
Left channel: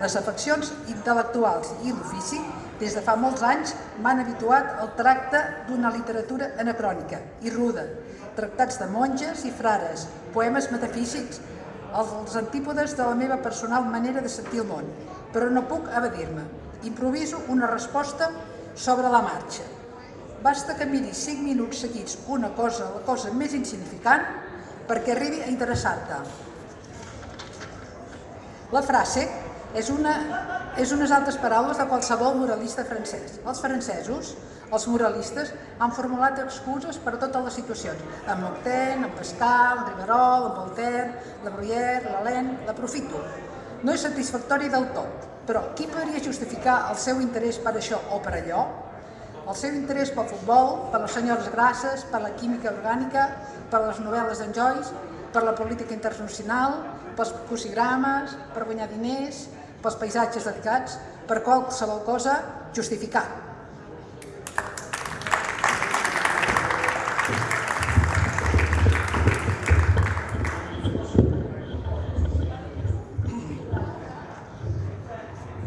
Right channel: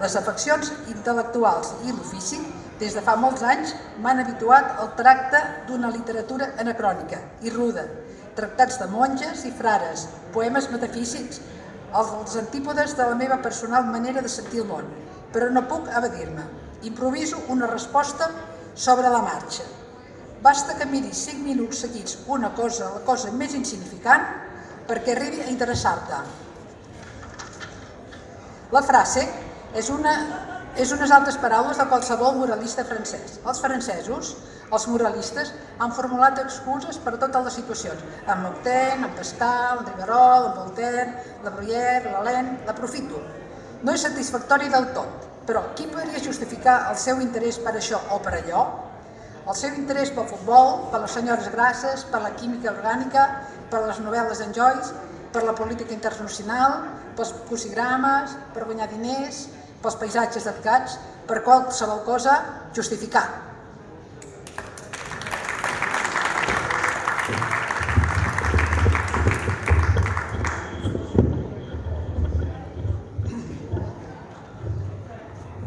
Les afeccions intel·lectuals i l'ofici, des de fa molts anys, m'han habituat al tracte d'una literatura anacrònica i ruda, tractats de monges i frares, poemes metafísics, els antípodes de la meva personal manera de sentir el món, però no puc evadir-me. Improviso una resposta sobre la marxa. Basta que miri 5 minuts seguits la cosa més insignificant perquè arribi a interessar-te. La frase és unes altres paraules de qualsevol moralista francès. Els francesos, els moralistes, han formulat excuses per a totes les situacions. En Montaigne, en Pascal, en Rivarol, en Voltaire, la Bruyère, l'Alain, l'aprofito. No és satisfactori del tot, però qui podria justificar el seu interès per això o per allò? El seu interès pel futbol, per les senyores grasses, per la química orgànica, per les novel·les d'en Joyce, per la política internacional, pels crucigrames, per guanyar diners, pels paisatges dedicats, per qualsevol cosa justificar.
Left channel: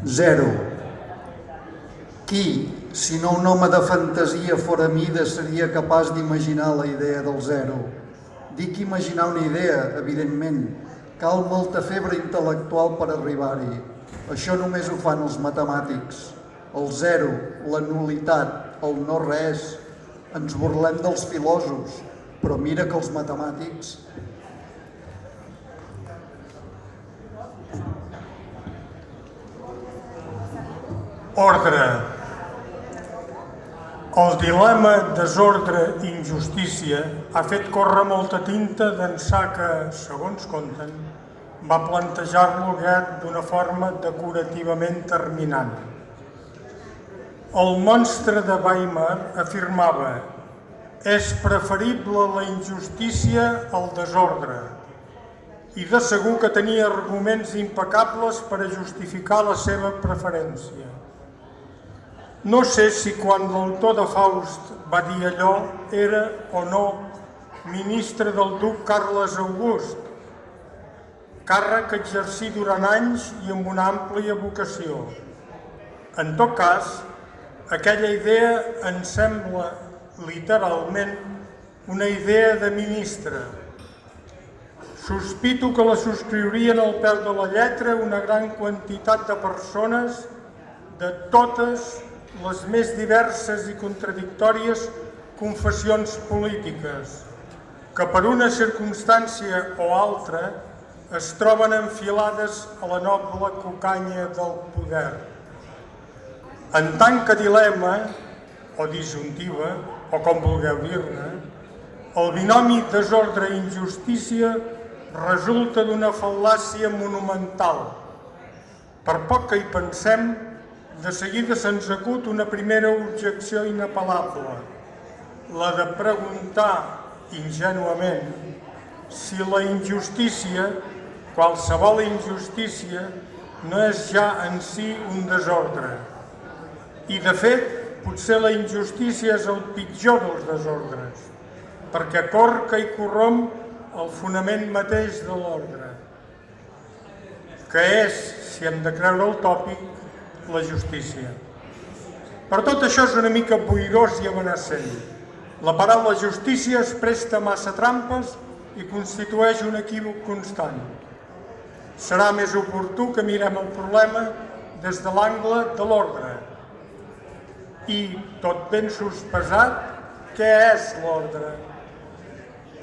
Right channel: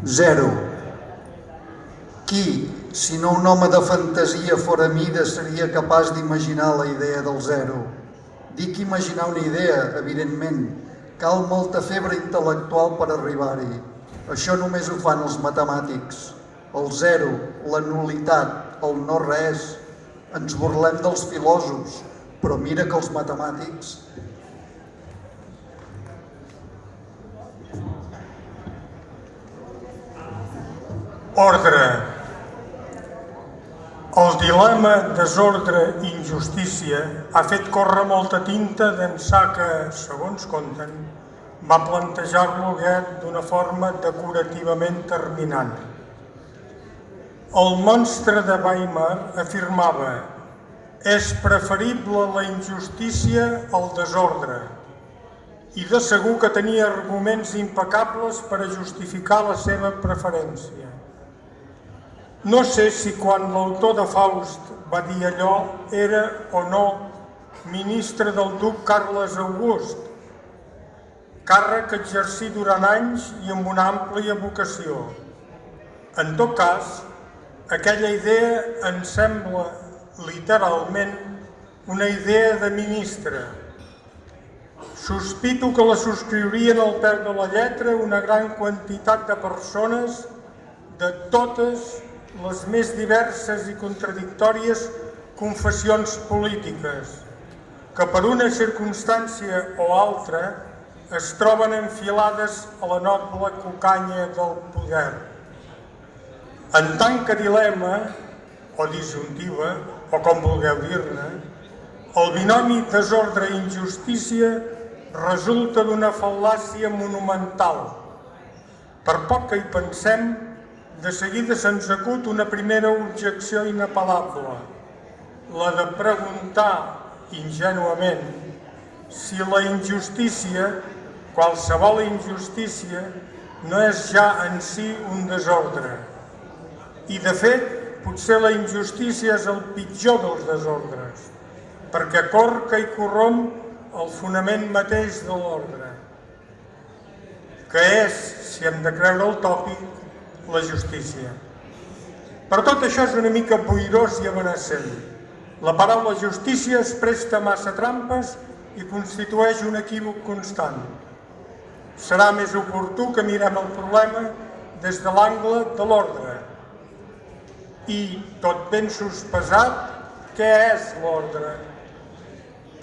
Zero. Qui, si no un home de fantasia fora mida, seria capaç d'imaginar la idea del zero? Dic imaginar una idea, evidentment. Cal molta febre intel·lectual per arribar-hi. Això només ho fan els matemàtics. El zero, la nul·litat, el no res. Ens burlem dels filòsofs, però mira que els matemàtics... Ordre. El dilema desordre i injustícia ha fet córrer molta tinta d'ençà que, segons conten, va plantejar-lo Goethe d'una forma decorativament terminant. El monstre de Weimar afirmava: és preferible la injustícia al desordre, i de segur que tenia arguments impecables per a justificar la seva preferència. No sé si quan l'autor de Faust va dir allò era o no ministre del duc Carles August, càrrec que exercí durant anys i amb una àmplia vocació. En tot cas, aquella idea em sembla literalment una idea de ministre. Sospito que la subscriurien al peu de la lletra una gran quantitat de persones de totes les més diverses i contradictòries confessions polítiques, que per una circumstància o altra es troben enfilades a la noble cucanya del poder. En tant que dilema, o disjuntiva, o com vulgueu dir-ne, el binomi desordre i injustícia resulta d'una fal·làcia monumental. Per poc que hi pensem, de seguida se'ns acut una primera objecció inapel·lable, la de preguntar ingenuament si la injustícia, qualsevol injustícia, no és ja en si un desordre. I de fet, potser la injustícia és el pitjor dels desordres, perquè corca i corromp el fonament mateix de l'ordre, que és, si hem de creure el tòpic, la justícia. Però tot això és una mica boirós i amenaçant. La paraula justícia es presta massa trampes i constitueix un equívoc constant. Serà més oportú que mirem el problema des de l'angle de l'ordre. I, tot ben sospesat, què és l'ordre?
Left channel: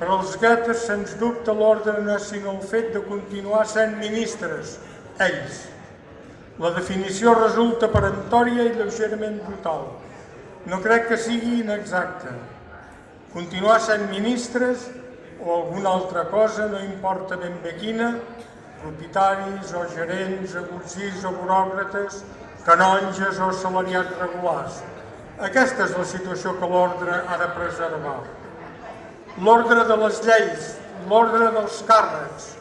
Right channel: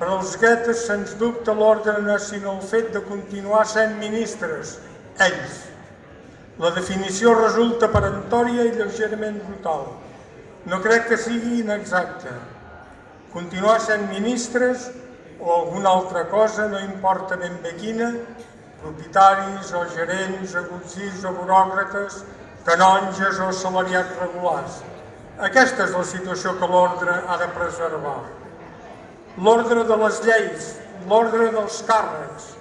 Per als Goethes, sens dubte, l'ordre no és sinó el fet de continuar sent ministres, ells. La definició resulta peremptòria i lleugerament brutal. No crec que sigui inexacta. Continuar sent ministres o alguna altra cosa, no importa ben bé quina, propietaris o gerents, agutzils o buròcrates, canonges o assalariats regulars. Aquesta és la situació que l'ordre ha de preservar. L'ordre de les lleis, l'ordre dels càrrecs,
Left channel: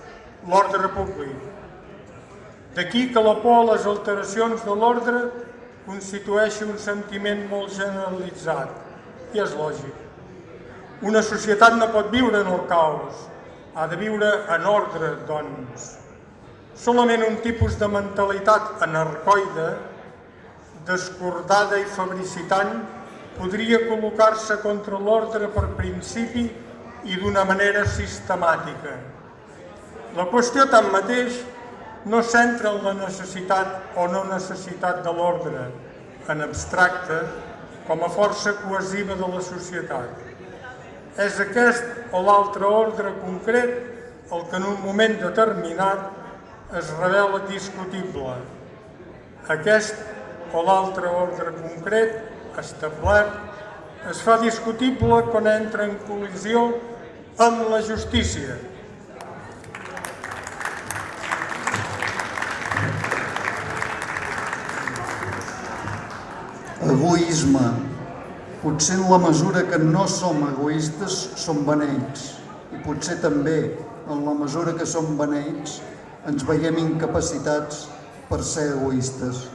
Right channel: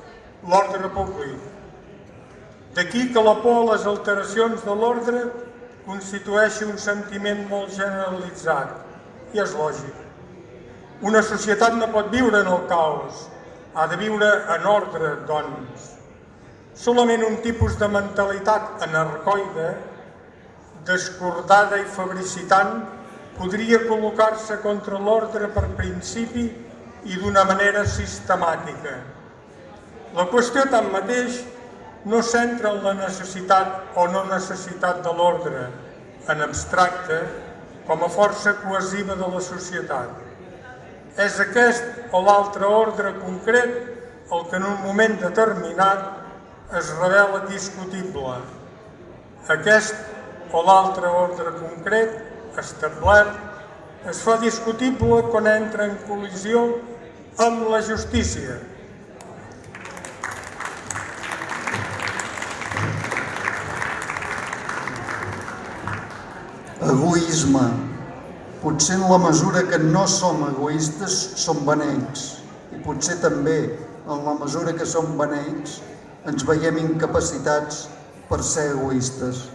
l'ordre públic. D'aquí que la por a les alteracions de l'ordre constitueixi un sentiment molt generalitzat, i és lògic. Una societat no pot viure en el caos, ha de viure en ordre, doncs. Solament un tipus de mentalitat anarcoide, descordada i fabricitant, podria col·locar-se contra l'ordre per principi i d'una manera sistemàtica. La qüestió, tanmateix, no centra en la necessitat o no necessitat de l'ordre, en abstracte, com a força cohesiva de la societat. És aquest o l'altre ordre concret el que en un moment determinat es revela discutible. Aquest o l'altre ordre concret establert es fa discutible quan entra en col·lisió amb la justícia. Egoisme. Potser en la mesura que no som egoistes som beneits. I potser també en la mesura que som beneits ens veiem incapacitats per ser egoistes.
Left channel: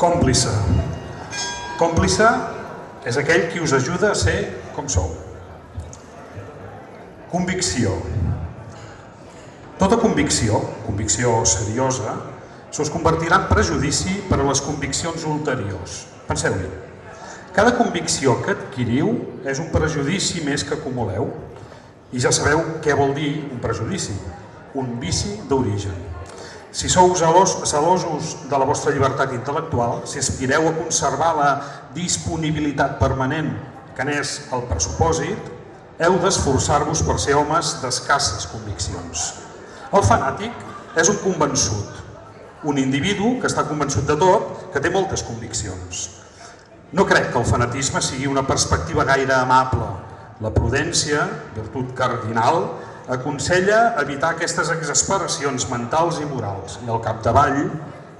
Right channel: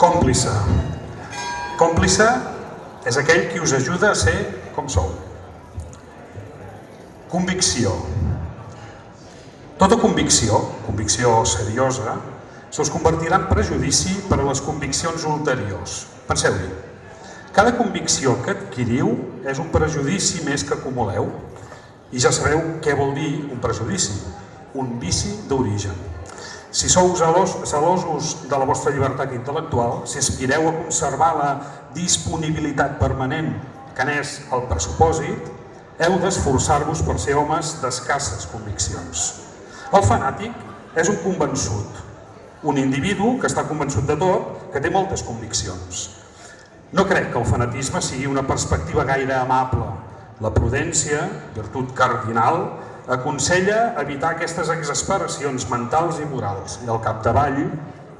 Còmplice. Còmplice és aquell qui us ajuda a ser com sou. Convicció. Tota convicció seriosa, se us convertirà en prejudici per a les conviccions ulteriors. Penseu-hi. Cada convicció que adquiriu és un prejudici més que acumuleu. I ja sabeu què vol dir un prejudici, un vici d'origen. Si sou gelosos de la vostra llibertat intel·lectual, si aspireu a conservar la disponibilitat permanent que n'és el pressupòsit, heu d'esforçar-vos per ser homes d'escasses conviccions. El fanàtic és un convençut, un individu que està convençut de tot, que té moltes conviccions. No crec que el fanatisme sigui una perspectiva gaire amable. La prudència, virtut cardinal, aconsella evitar aquestes exasperacions mentals i morals. I al capdavall,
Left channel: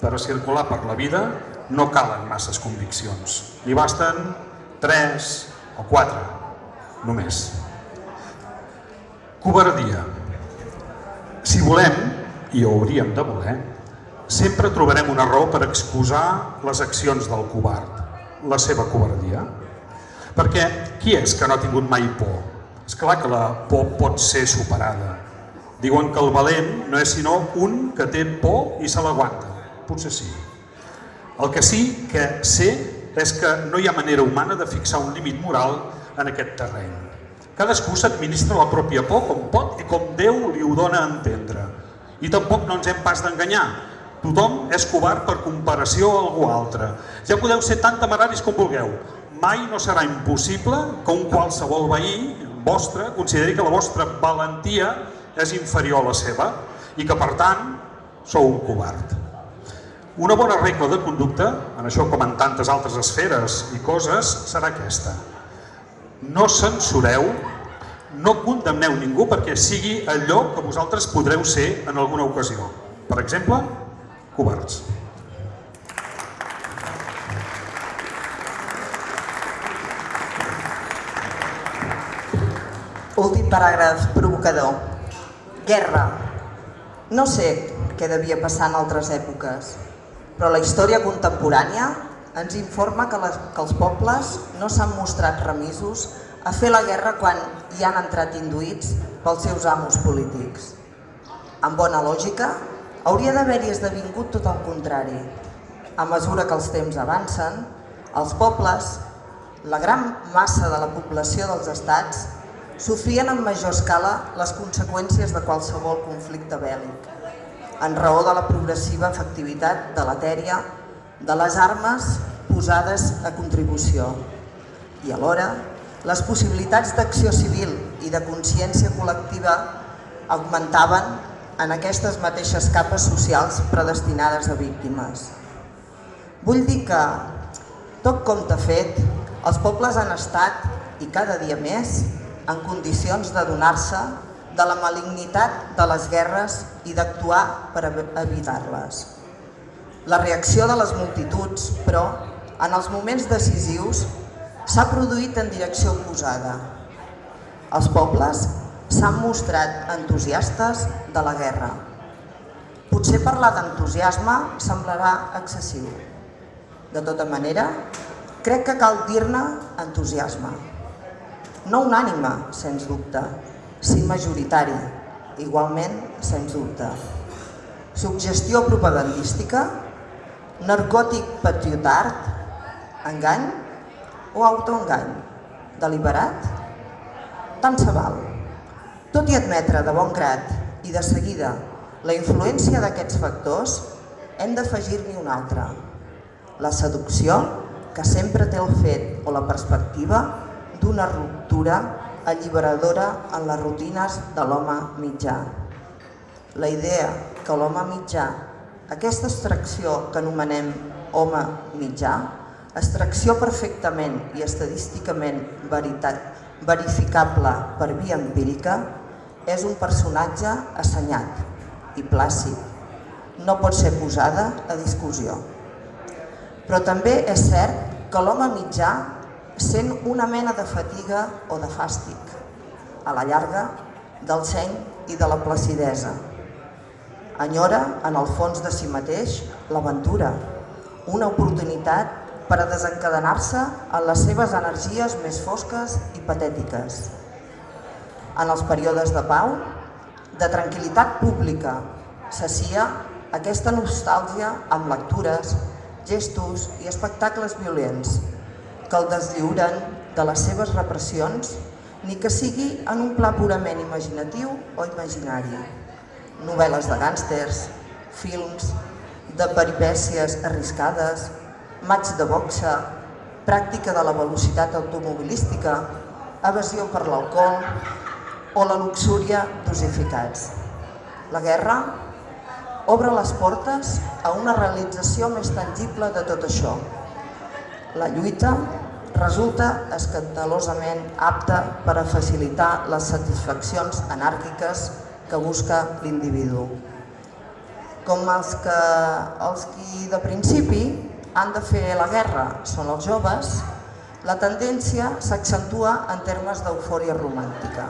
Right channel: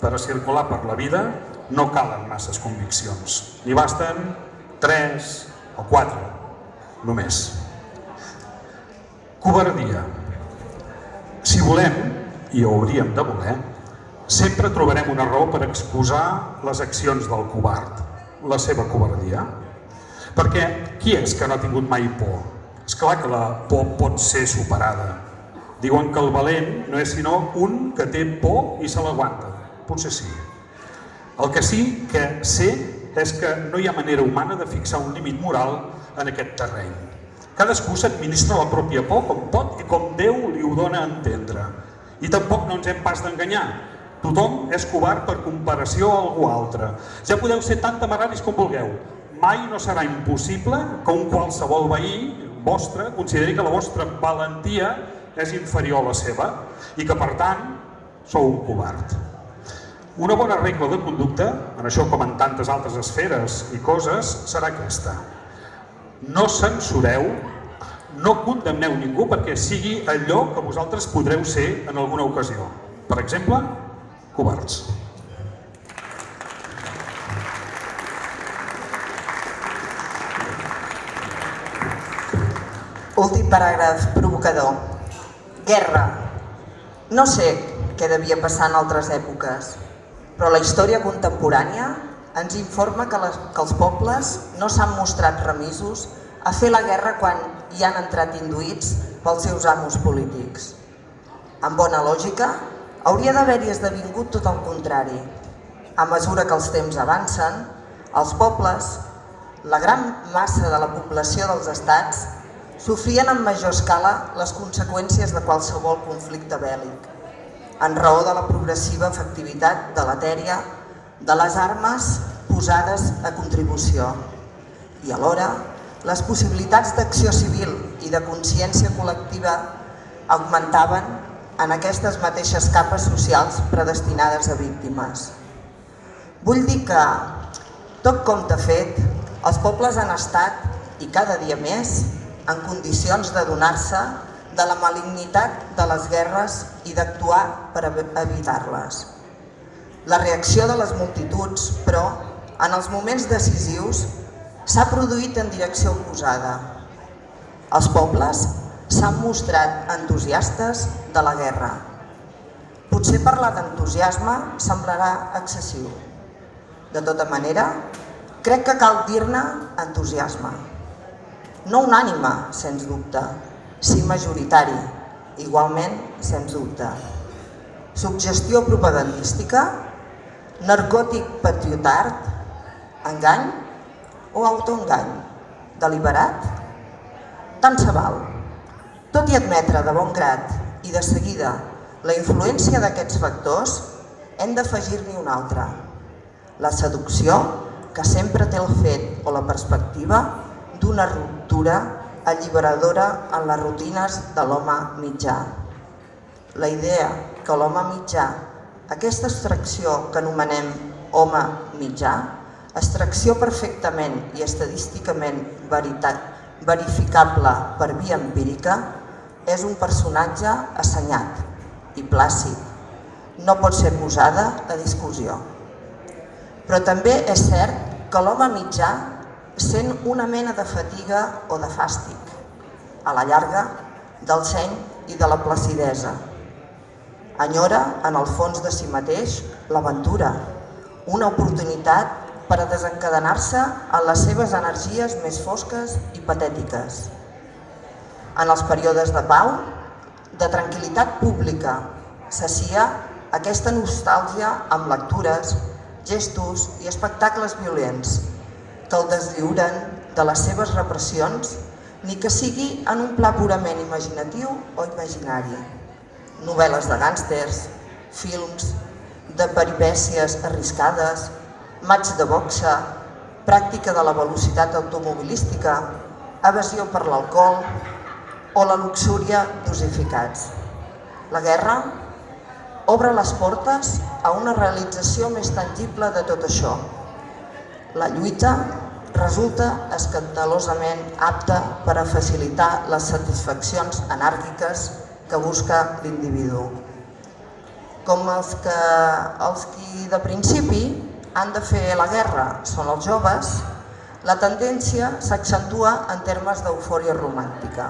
per a circular per la vida, no calen masses conviccions. N'hi basten 3 o 4, només. Covardia. Si volem, i ho hauríem de voler, sempre trobarem una raó per excusar les accions del covard, la seva covardia. Perquè qui és que no ha tingut mai por? És clar que la por pot ser superada. Diuen que el valent no és sinó un que té por i se l'aguanta. Potser sí. El que sí que sé és que no hi ha manera humana de fixar un límit moral en aquest terreny. Cadascú s'administra la pròpia por com pot i com Déu li ho dona a entendre. I tampoc no ens hem pas d'enganyar. Tothom és covard per comparació a algú altre. Ja podeu ser tan temeraris com vulgueu. Mai no serà impossible que un qualsevol veí vostre consideri que la vostra valentia és inferior a la seva i que, per tant, sou un covard. Una bona regla de conducta, en això com en tantes altres esferes i coses, serà aquesta. No censureu, no condemneu ningú perquè sigui allò que vosaltres podreu ser en alguna ocasió. Per exemple, covards. Últim paràgraf provocador. Guerra. No sé què devia passar en altres èpoques, però la història contemporània ens informa que els pobles no s'han mostrat remisos a fer la guerra quan hi han entrat induïts pels seus amos polítics. En bona lògica, hauria d'haver-hi esdevingut tot el contrari. A mesura que els temps avancen, els pobles, la gran massa de la població dels estats, sofrien en major escala les conseqüències de qualsevol conflicte bèl·lic, en raó de la progressiva efectivitat deletèria de les armes posades a contribució. I alhora, les possibilitats d'acció civil i de consciència col·lectiva augmentaven en aquestes mateixes capes socials predestinades a víctimes. Vull dir que, tot compte fet, els pobles han estat, i cada dia més, en condicions d'adonar-se de la malignitat de les guerres i d'actuar per evitar-les. La reacció de les multituds, però, en els moments decisius, s'ha produït en direcció oposada. Els pobles s'han mostrat entusiastes de la guerra. Potser parlar d'entusiasme semblarà excessiu. De tota manera, crec que cal dir-ne entusiasme. No unànime, sens dubte, sí majoritari, igualment, sens dubte. Suggestió propagandística, narcòtic patriotard, engany o autoengany, deliberat? Tant se val. Tot i admetre de bon grat i de seguida la influència d'aquests factors, hem d'afegir-n'hi un altre. la seducció que sempre té el fet o la perspectiva d'una ruptura alliberadora en les rutines de l'home mitjà. La idea que l'home mitjà, aquesta extracció que anomenem home mitjà, extracció perfectament i estadísticament verificable per via empírica, és un personatge assenyat i plàcid. No pot ser posada a discussió. Però també és cert que l'home mitjà sent una mena de fatiga o de fàstic, a la llarga, del seny i de la placidesa. Enyora, en el fons de si mateix, l'aventura, una oportunitat per a desencadenar-se en les seves energies més fosques i patètiques. En els períodes de pau, de tranquil·litat pública, s'assia aquesta nostàlgia amb lectures, gestos i espectacles violents que el deslliuren de les seves repressions, ni que sigui en un pla purament imaginatiu o imaginari. Novel·les de gàngsters, films, de peripècies arriscades, matx de boxa, pràctica de la velocitat automobilística, evasió per l'alcohol o la luxúria dosificats. La guerra obre les portes a una realització més tangible de tot això. La lluita resulta escandalosament apta per a facilitar les satisfaccions anàrquiques que busca l'individu. Com els qui de principi han de fer la guerra són els joves, la tendència s'accentua en termes d'eufòria romàntica.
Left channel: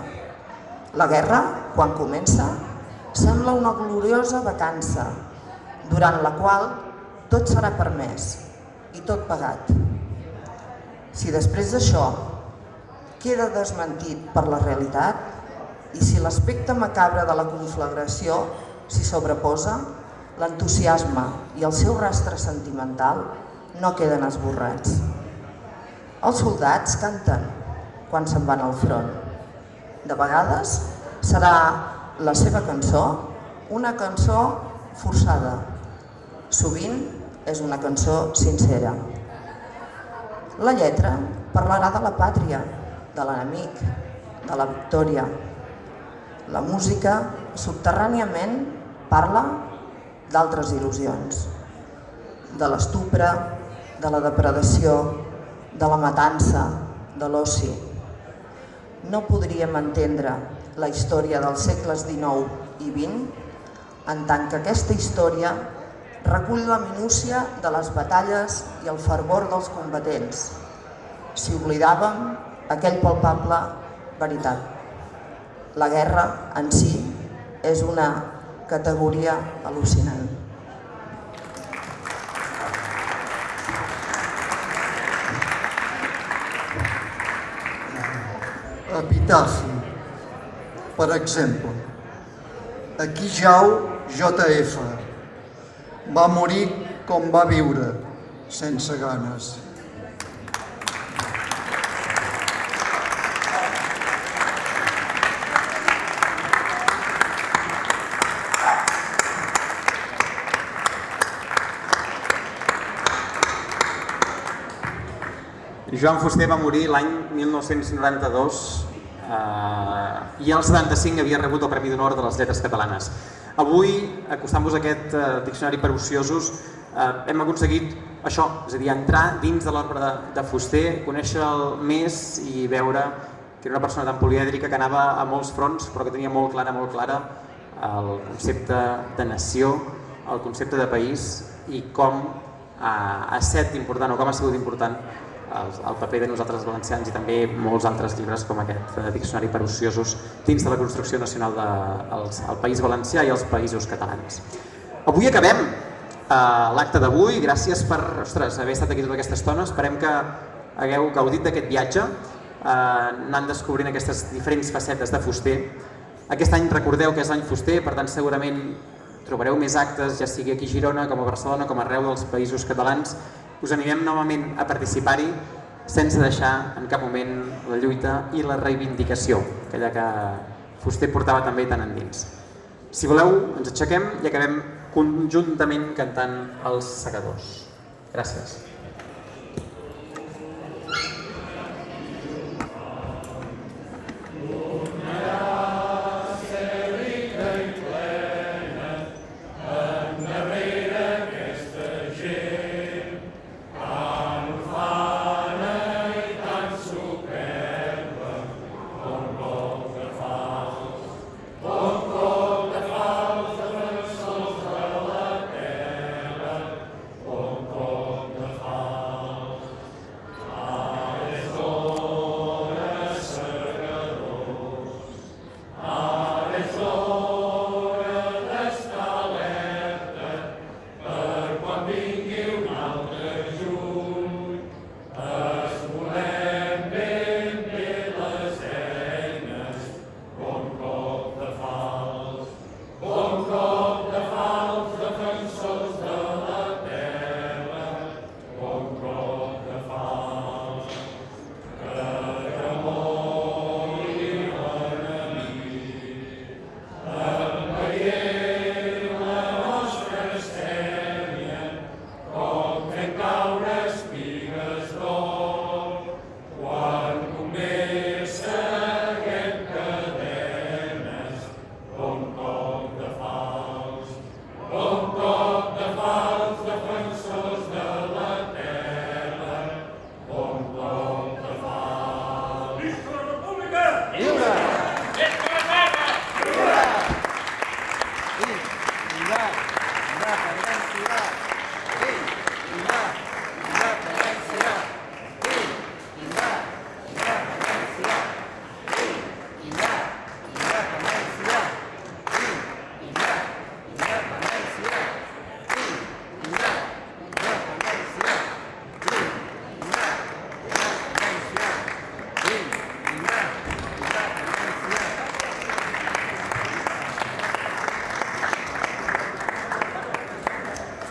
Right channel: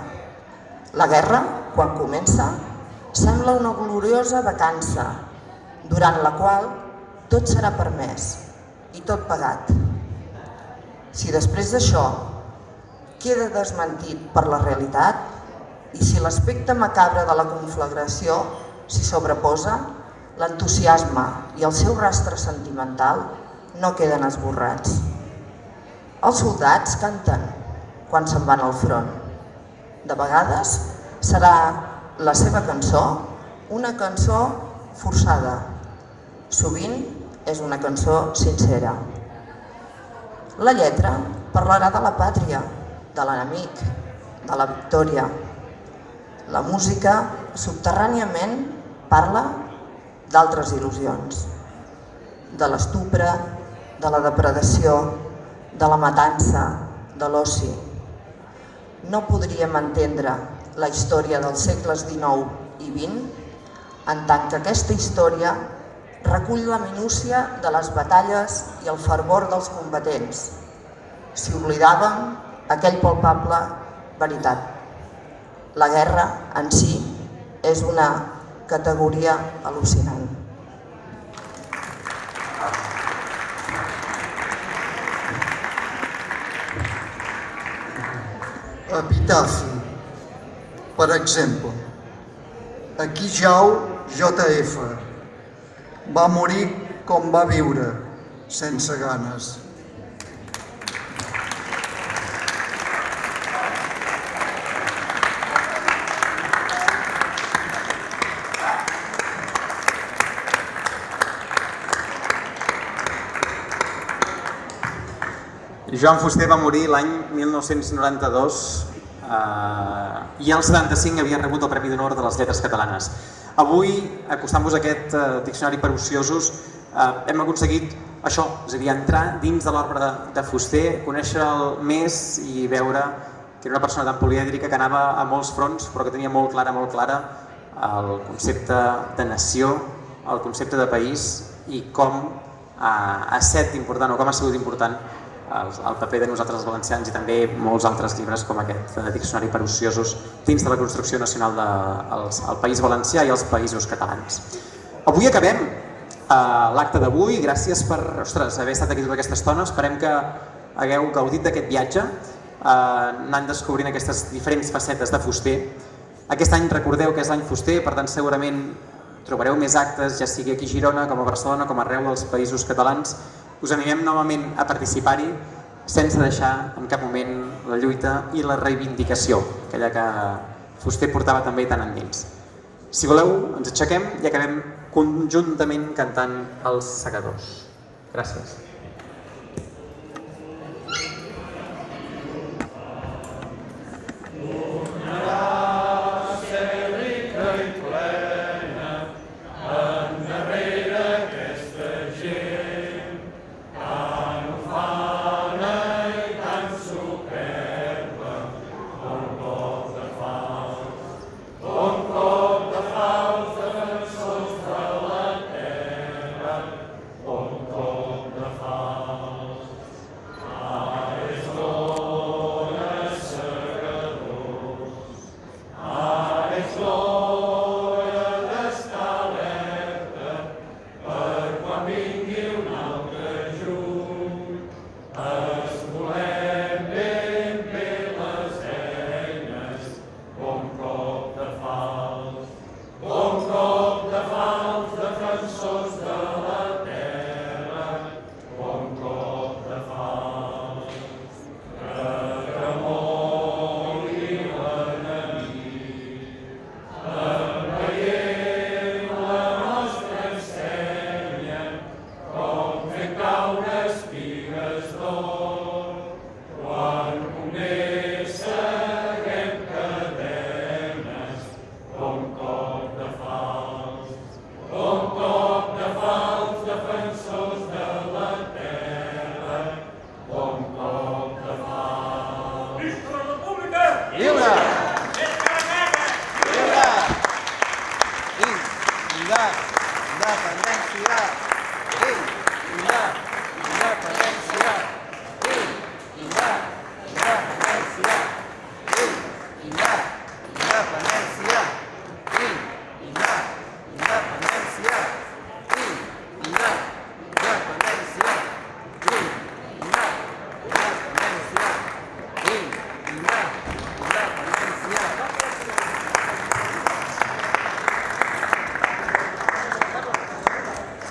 La guerra, quan comença, sembla una gloriosa vacança, durant la qual tot serà permès i tot pagat. Si després d'això queda desmentit per la realitat i si l'aspecte macabre de la conflagració s'hi sobreposa, l'entusiasme i el seu rastre sentimental no queden esborrats. Els soldats canten quan se'n van al front. De vegades serà la seva cançó una cançó forçada. Sovint és una cançó sincera. La lletra parlarà de la pàtria, de l'enemic, de la victòria. La música subterràniament parla d'altres il·lusions, de l'estupre, de la depredació, de la matança, de l'oci. No podríem entendre la història dels segles XIX i XX en tant que aquesta història recull la minúcia de les batalles i el fervor dels combatents, si oblidàvem aquell palpable veritat. La guerra en si és una categoria al·lucinant. Epitafi. Per exemple, aquí jau JF. Va morir com va viure, sense ganes. Joan Fuster va morir l'any 1992 i al 75 havia rebut el Premi d'Honor de les Lletres Catalanes. Avui, acostant-vos a aquest diccionari per ociosos, hem aconseguit això, és a dir, entrar dins de l'obra de Fuster, conèixer-lo més i veure que era una persona tan polièdrica que anava a molts fronts, però que tenia molt clara el concepte de nació, el concepte de país i com ha estat important o com ha sigut important el paper de nosaltres els valencians i també molts altres llibres com aquest diccionari per ociosos dins de la construcció nacional del País Valencià i els països catalans. Avui acabem l'acte d'avui, gràcies per haver estat aquí tota aquesta estona, esperem que hagueu gaudit d'aquest viatge, anant descobrint aquestes diferents facetes de Fuster. Aquest any recordeu que és l'any Fuster, per tant segurament trobareu més actes, ja sigui aquí a Girona, com a Barcelona, com arreu dels països catalans. Us animem novament a participar-hi sense deixar en cap moment la lluita i la reivindicació, aquella que Fuster portava també tan endins. Si voleu, ens aixequem i acabem conjuntament cantant Els Segadors. Gràcies.